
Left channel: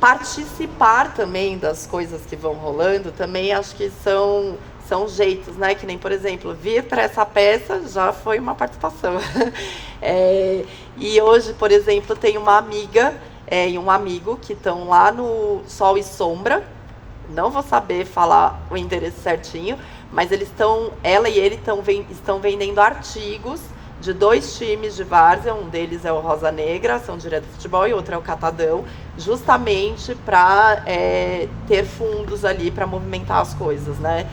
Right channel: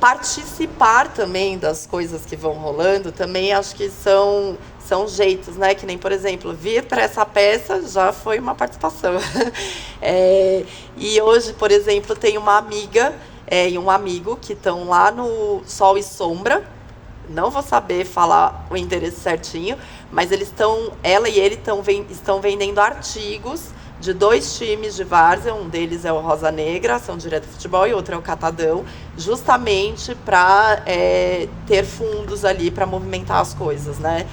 Participar também das coisas que vão rolando, também acho que são jeitos, né? Que nem, por exemplo, vir para essa peça já foi uma participação. E hoje, por exemplo, tem uma amiga e um amigo que estão lá no Sol e Sombra. Não vou saber falar o endereço certinho, mas ela e ele estão vendendo artigos de 2 times de várzea, um deles é o Rosa Negra, Ação Direta Futebol, e outro é o Catadão, justamente para ter fundos ali para movimentar as coisas, né?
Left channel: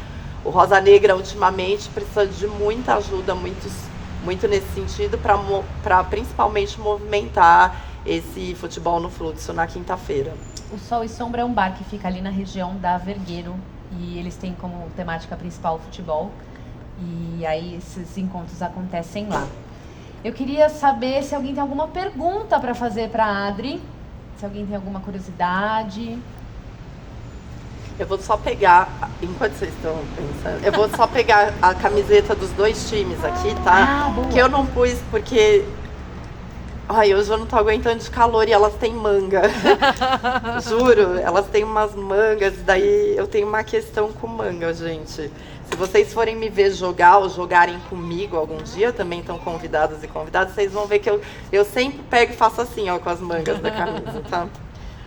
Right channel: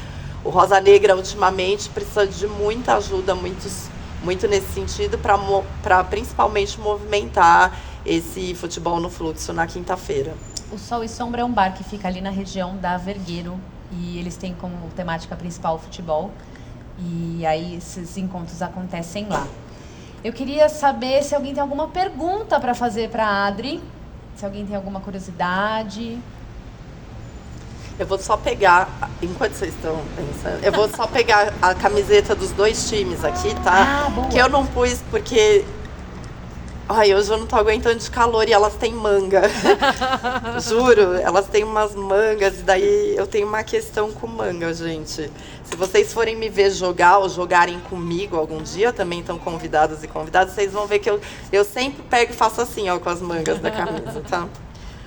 O Rosa Negra, ultimamente, precisa de muita ajuda, muito nesse sentido, para principalmente movimentar esse futebol no fluxo na quinta-feira. O Sol e Sombra é um bar que fica ali na região da Vergueiro, e eles têm como temática principal o futebol, e aí esses encontros acontecem lá. Eu queria saber se alguém tem alguma pergunta para fazer para a Adri, se alguém tem alguma curiosidade. Eu vou só pegar, enquanto vocês estão pensando, eu vou só pegar a camiseta dos 2 times aqui, tá? Que eu não pus porque... Ai, hoje eu não tô aguentando de calor e elas têm manga. Juro, elas têm umas mangas e daí eu tenho uma questão com manga, gente. Se vocês forem me ver jogar ou jogarem comigo algum dia, também estão convidadas e convidados, vocês vão ver que eu sempre pego e faço assim, ó, com as mangas da camisa, tá?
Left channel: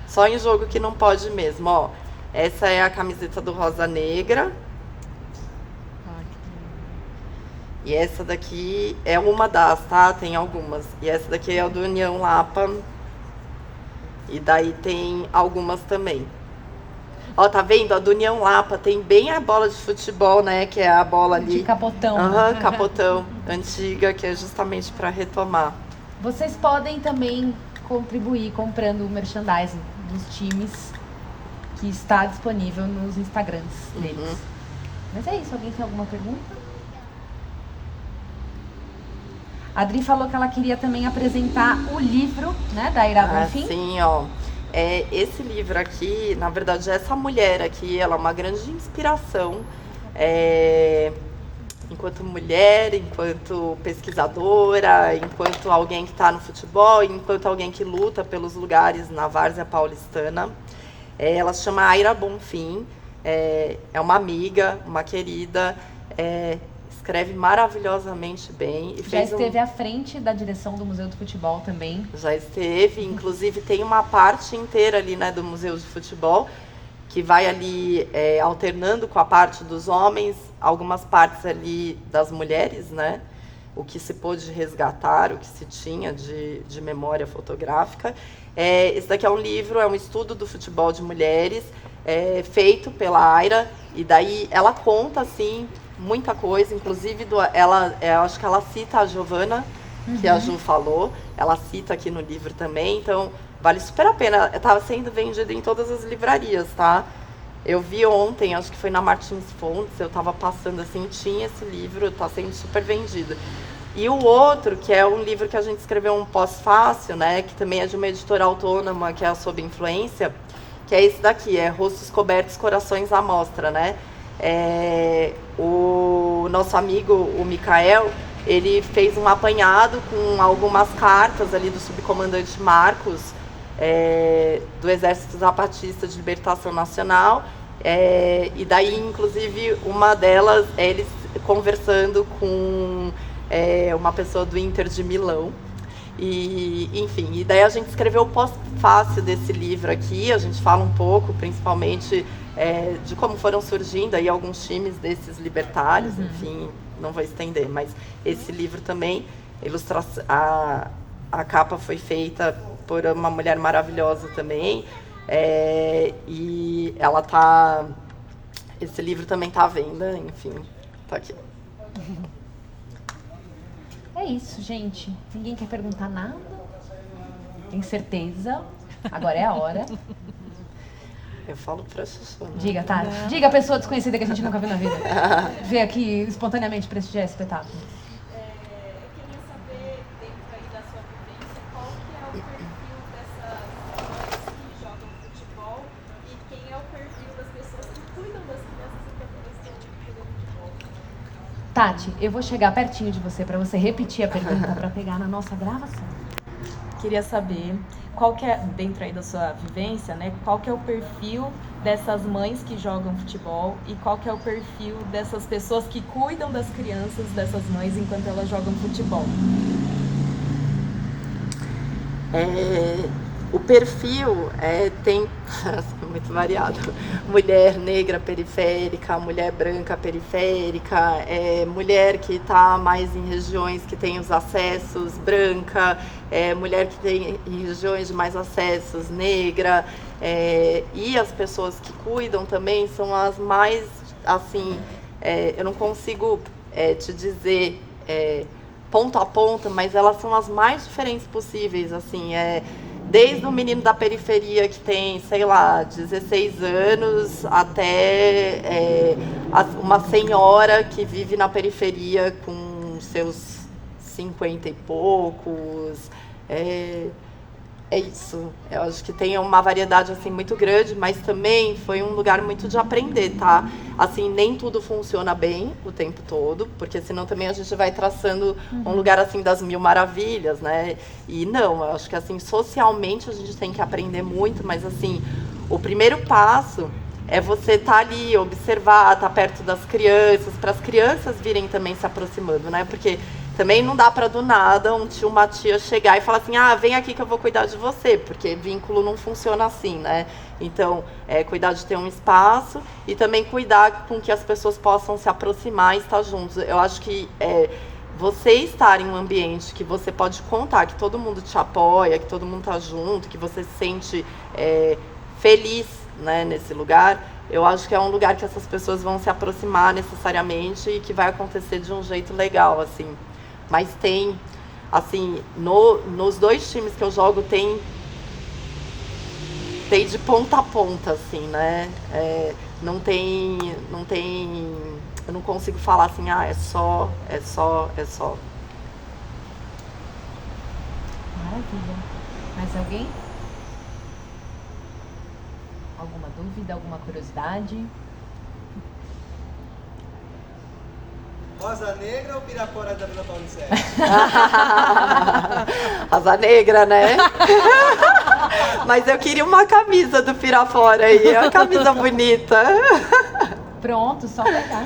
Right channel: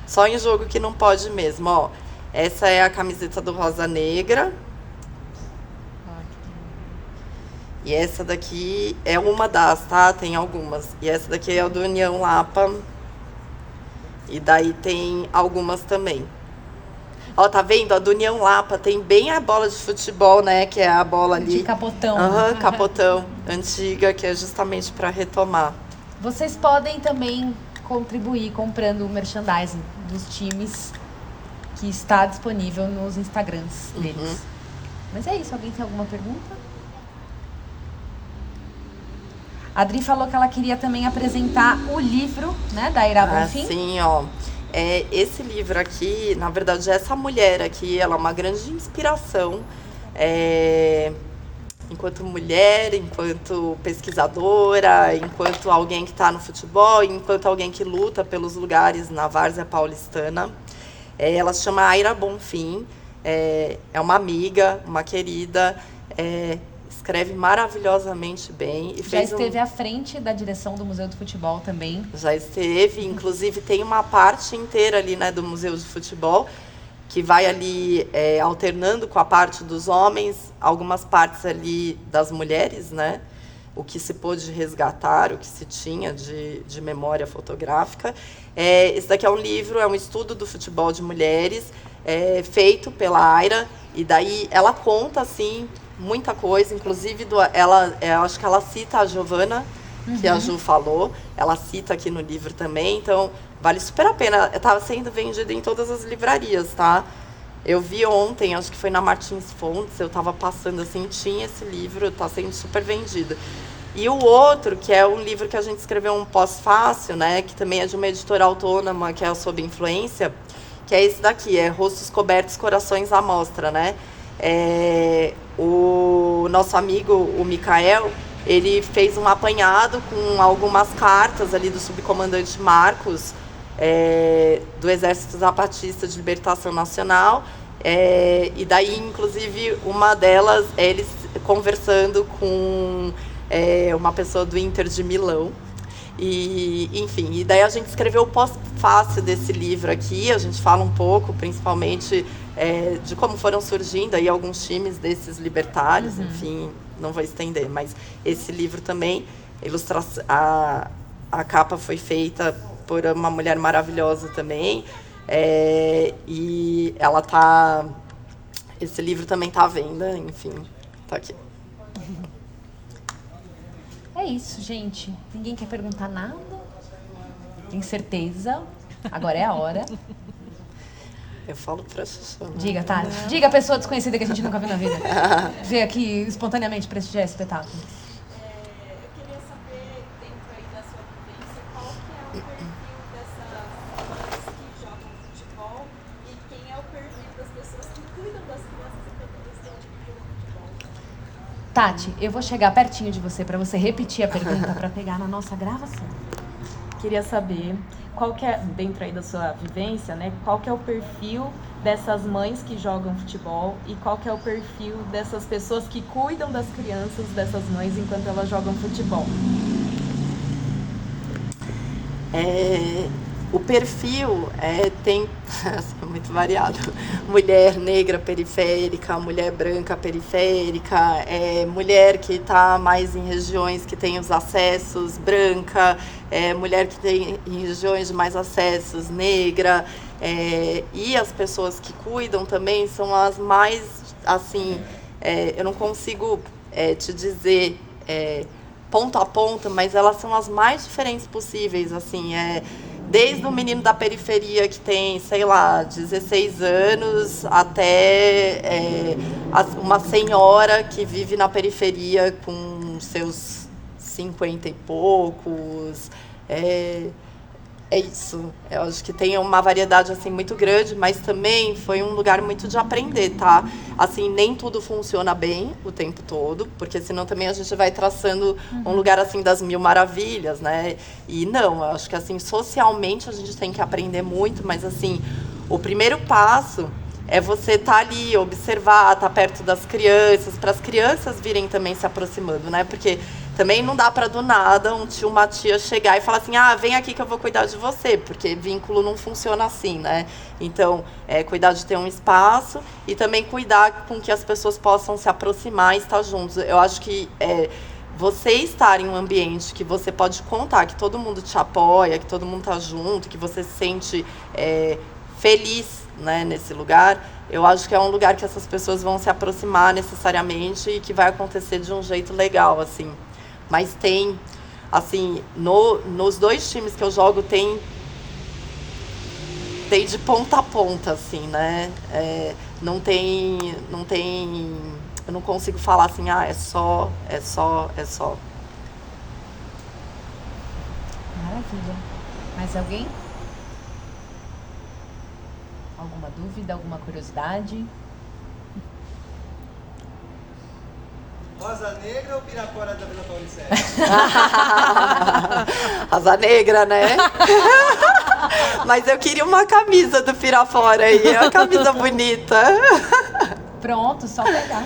Só em jogo que não pode mesmo, ó. Essa é a camiseta do Rosa Negra. E essa daqui é uma das, tá? Tem algumas. E essa daqui é a do União Lapa. E daí tem algumas também. Ó, tá vendo? A do União Lapa tem bem a bola de futebol, né? Que é a bola ali. De capotão. Aham, capotão. Antiga, que é justamente para retomar. Vocês podem também contribuir comprando o merchandising dos times que está disponível nos Instagrams deles. Mas é isso. Alguém tem alguma pergunta? A Adri falou que ela queria também apresentar o livro, né, da Ira Bonfim. Sim, ó. Esse livro aqui, na verdade, essa mulher aqui, ela é uma grande inspiração. Enquanto mulher, enquanto pesquisadora, enquanto alguém que está no futebol, enquanto alguém que luta pelos lugares na várzea paulistana. Ela se chama Aira Bonfim, é uma amiga, uma querida, escreve maravilhosamente bem. Já esteve à frente da direção do Museu do Futebol também. Já esteve, inclusive tem uma parte inteira ali, né, do Museu de Futebol, que vai ali alternando com a parte dos homens, algumas partes ali das mulheres, né? O que se pôde resgatar, o que se tinha de memória fotográfica. Esse daqui é um livro, é um estudo do futebol de mulheres, feito pela Aira, e daí ela conta, assim, muita coisa, inclusive eu acho que ela cita a Giovana, que a Ju falou, ela cita aqui no livro também, então vale super a pena. Estava sendo vendido em todas as livrarias, tá? Eu vi ontem, acho que foi na Martins Fontes, eu estava passando assim, tinha esse livro, está sendo super vendido. E o outro, que é um livro que a gente escreveu um pós-fácil, né, que também é de uma editora autônoma, que é sobre influência, que é esse daqui, Rostos Cobertos, Corações à Mostra, né? O nosso amigo, o Mikael, ele fez um apanhado com algumas cartas ali do subcomandante Marcos, do Exército Zapatista de Libertação Nacional, e daí, inclusive, uma delas é eles conversando com uma pessoa do Inter de Milão. E, enfim, e daí a gente escreveu o pós-fácil desse livro aqui, a gente fala um pouco, principalmente, de como foram surgindo aí alguns times desses libertários, enfim, não vou estender, mas esse livro também, a capa foi feita por uma mulher maravilhosa também, e esse livro também tá à venda, enfim, tá aqui. É isso, gente. Ninguém quer perguntar nada? Tem certeza? Agora é a hora. Eu falo pra Xuxa. Diga, Tati. Diga a pessoa desconhecida que a gente nunca viu na vida. Vê aqui espontaneamente prestigiar esse espetáculo. Eu queria saber, dentro aí da sua vivência, qual que é o perfil dessas mães que jogam futebol e quem é o perfil das pessoas que cuidam das crianças enquanto elas estão jogando futebol. Tati, eu vou chegar pertinho de você para você repetir a pergunta para pegar na nossa gravação. Queria saber qual que é, dentro aí da sua vivência, né, qual que é o perfil dessas mães que jogam futebol e qual que é o perfil dessas pessoas que cuidam das crianças dessas mães enquanto elas jogam futebol. O perfil tem assim, muito variado. Mulher negra periférica, mulher branca periférica, mulher que está mais em regiões que tem os acessos, branca, mulher que tem em regiões de mais acessos, negra, e as pessoas que cuidam também são as mais, assim, eu não consigo te dizer ponto a ponto, mas elas são as mais diferentes possíveis, assim, desde o menino da periferia que tem, sei lá, 16 anos, até uma senhora que vive na periferia com seus 50 e poucos. É isso. Eu acho que tem uma variedade assim muito grande, mas também foi um lugar muito de aprender, tá? Assim, nem tudo funciona bem o tempo todo, porque senão também a gente vai traçando um lugar assim das mil maravilhas, né? E não, eu acho que assim, socialmente a gente tem que aprender muito, mas assim, o primeiro passo é você estar ali, observar, estar perto das crianças, para as crianças virem também se aproximando, né? Porque também não dá para do nada um tio, uma tia chegar e falar assim, vem aqui que eu vou cuidar de você, porque vínculo não funciona assim, né? Então, cuidar de ter um espaço e também cuidar com que as pessoas possam se aproximar e estar juntos. Eu acho que você estar em um ambiente que você pode contar, que todo mundo te apoia, que todo mundo tá junto, que você se sente feliz, né, nesse lugar, eu acho que é um lugar que essas pessoas vão se aproximar necessariamente e que vai acontecer de um jeito legal, assim. Mas tem, assim, nos dois times que eu jogo, tem de ponta a ponta, assim, né? Não tem, eu não consigo falar assim, é só. Maravilha. Mais alguém? Alguma dúvida, alguma curiosidade? Rosa Negra ou Pirapora da Vila Paulicéia? Asa negra, né? Mas eu queria uma camisa do Pirafora aí, uma camisa bonita. Pronto, só pegar.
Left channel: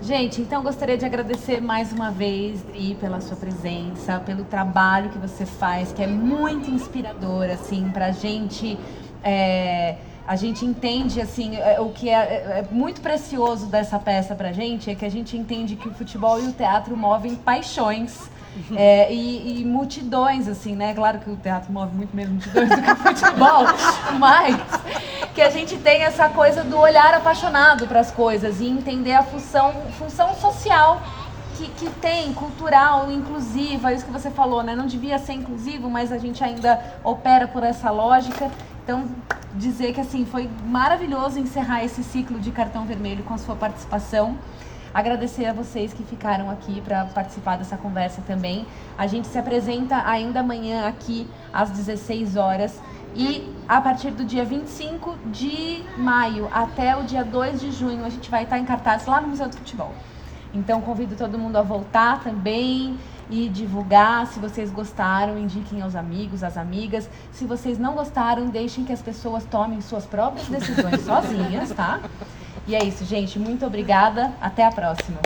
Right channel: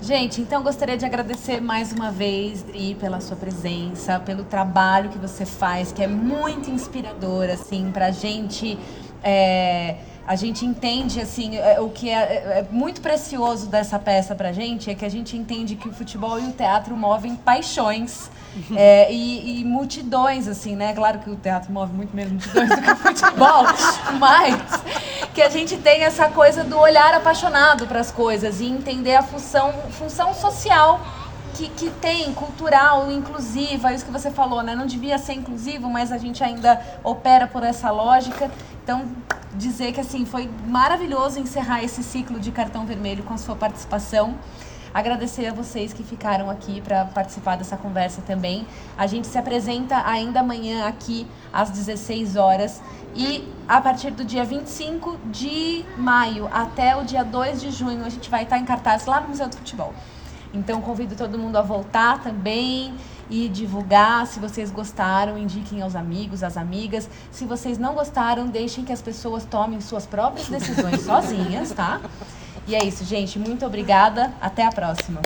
Gente, então gostaria de agradecer mais uma vez e pela sua presença, pelo trabalho que você faz, que é muito inspirador, assim, pra gente. A gente entende, assim, o que é muito precioso dessa peça pra gente é que a gente entende que o futebol e o teatro movem paixões e multidões, assim, né? Claro que o teatro move muito menos multidões do que o futebol, mas que a gente tem essa coisa do olhar apaixonado para as coisas e entender a função social que tem, cultural, inclusiva, é isso que você falou, né? Não devia ser inclusivo, mas a gente ainda opera por essa lógica. Então, dizer que assim, foi maravilhoso encerrar esse ciclo de Cartão Vermelho com a sua participação. Agradecer a vocês que ficaram aqui para participar dessa conversa também. A gente se apresenta ainda amanhã aqui às 16 horas e a partir do dia 25 de maio até o dia 2 de junho a gente vai estar em cartaz lá no Museu do Futebol. Então, convido todo mundo a voltar também e divulgar. Se vocês gostaram, indiquem aos amigos, às amigas. Se vocês não gostaram, deixem que as pessoas tomem suas próprias decisões sozinhas, tá? E é isso, gente. Muito obrigada. Até a próxima.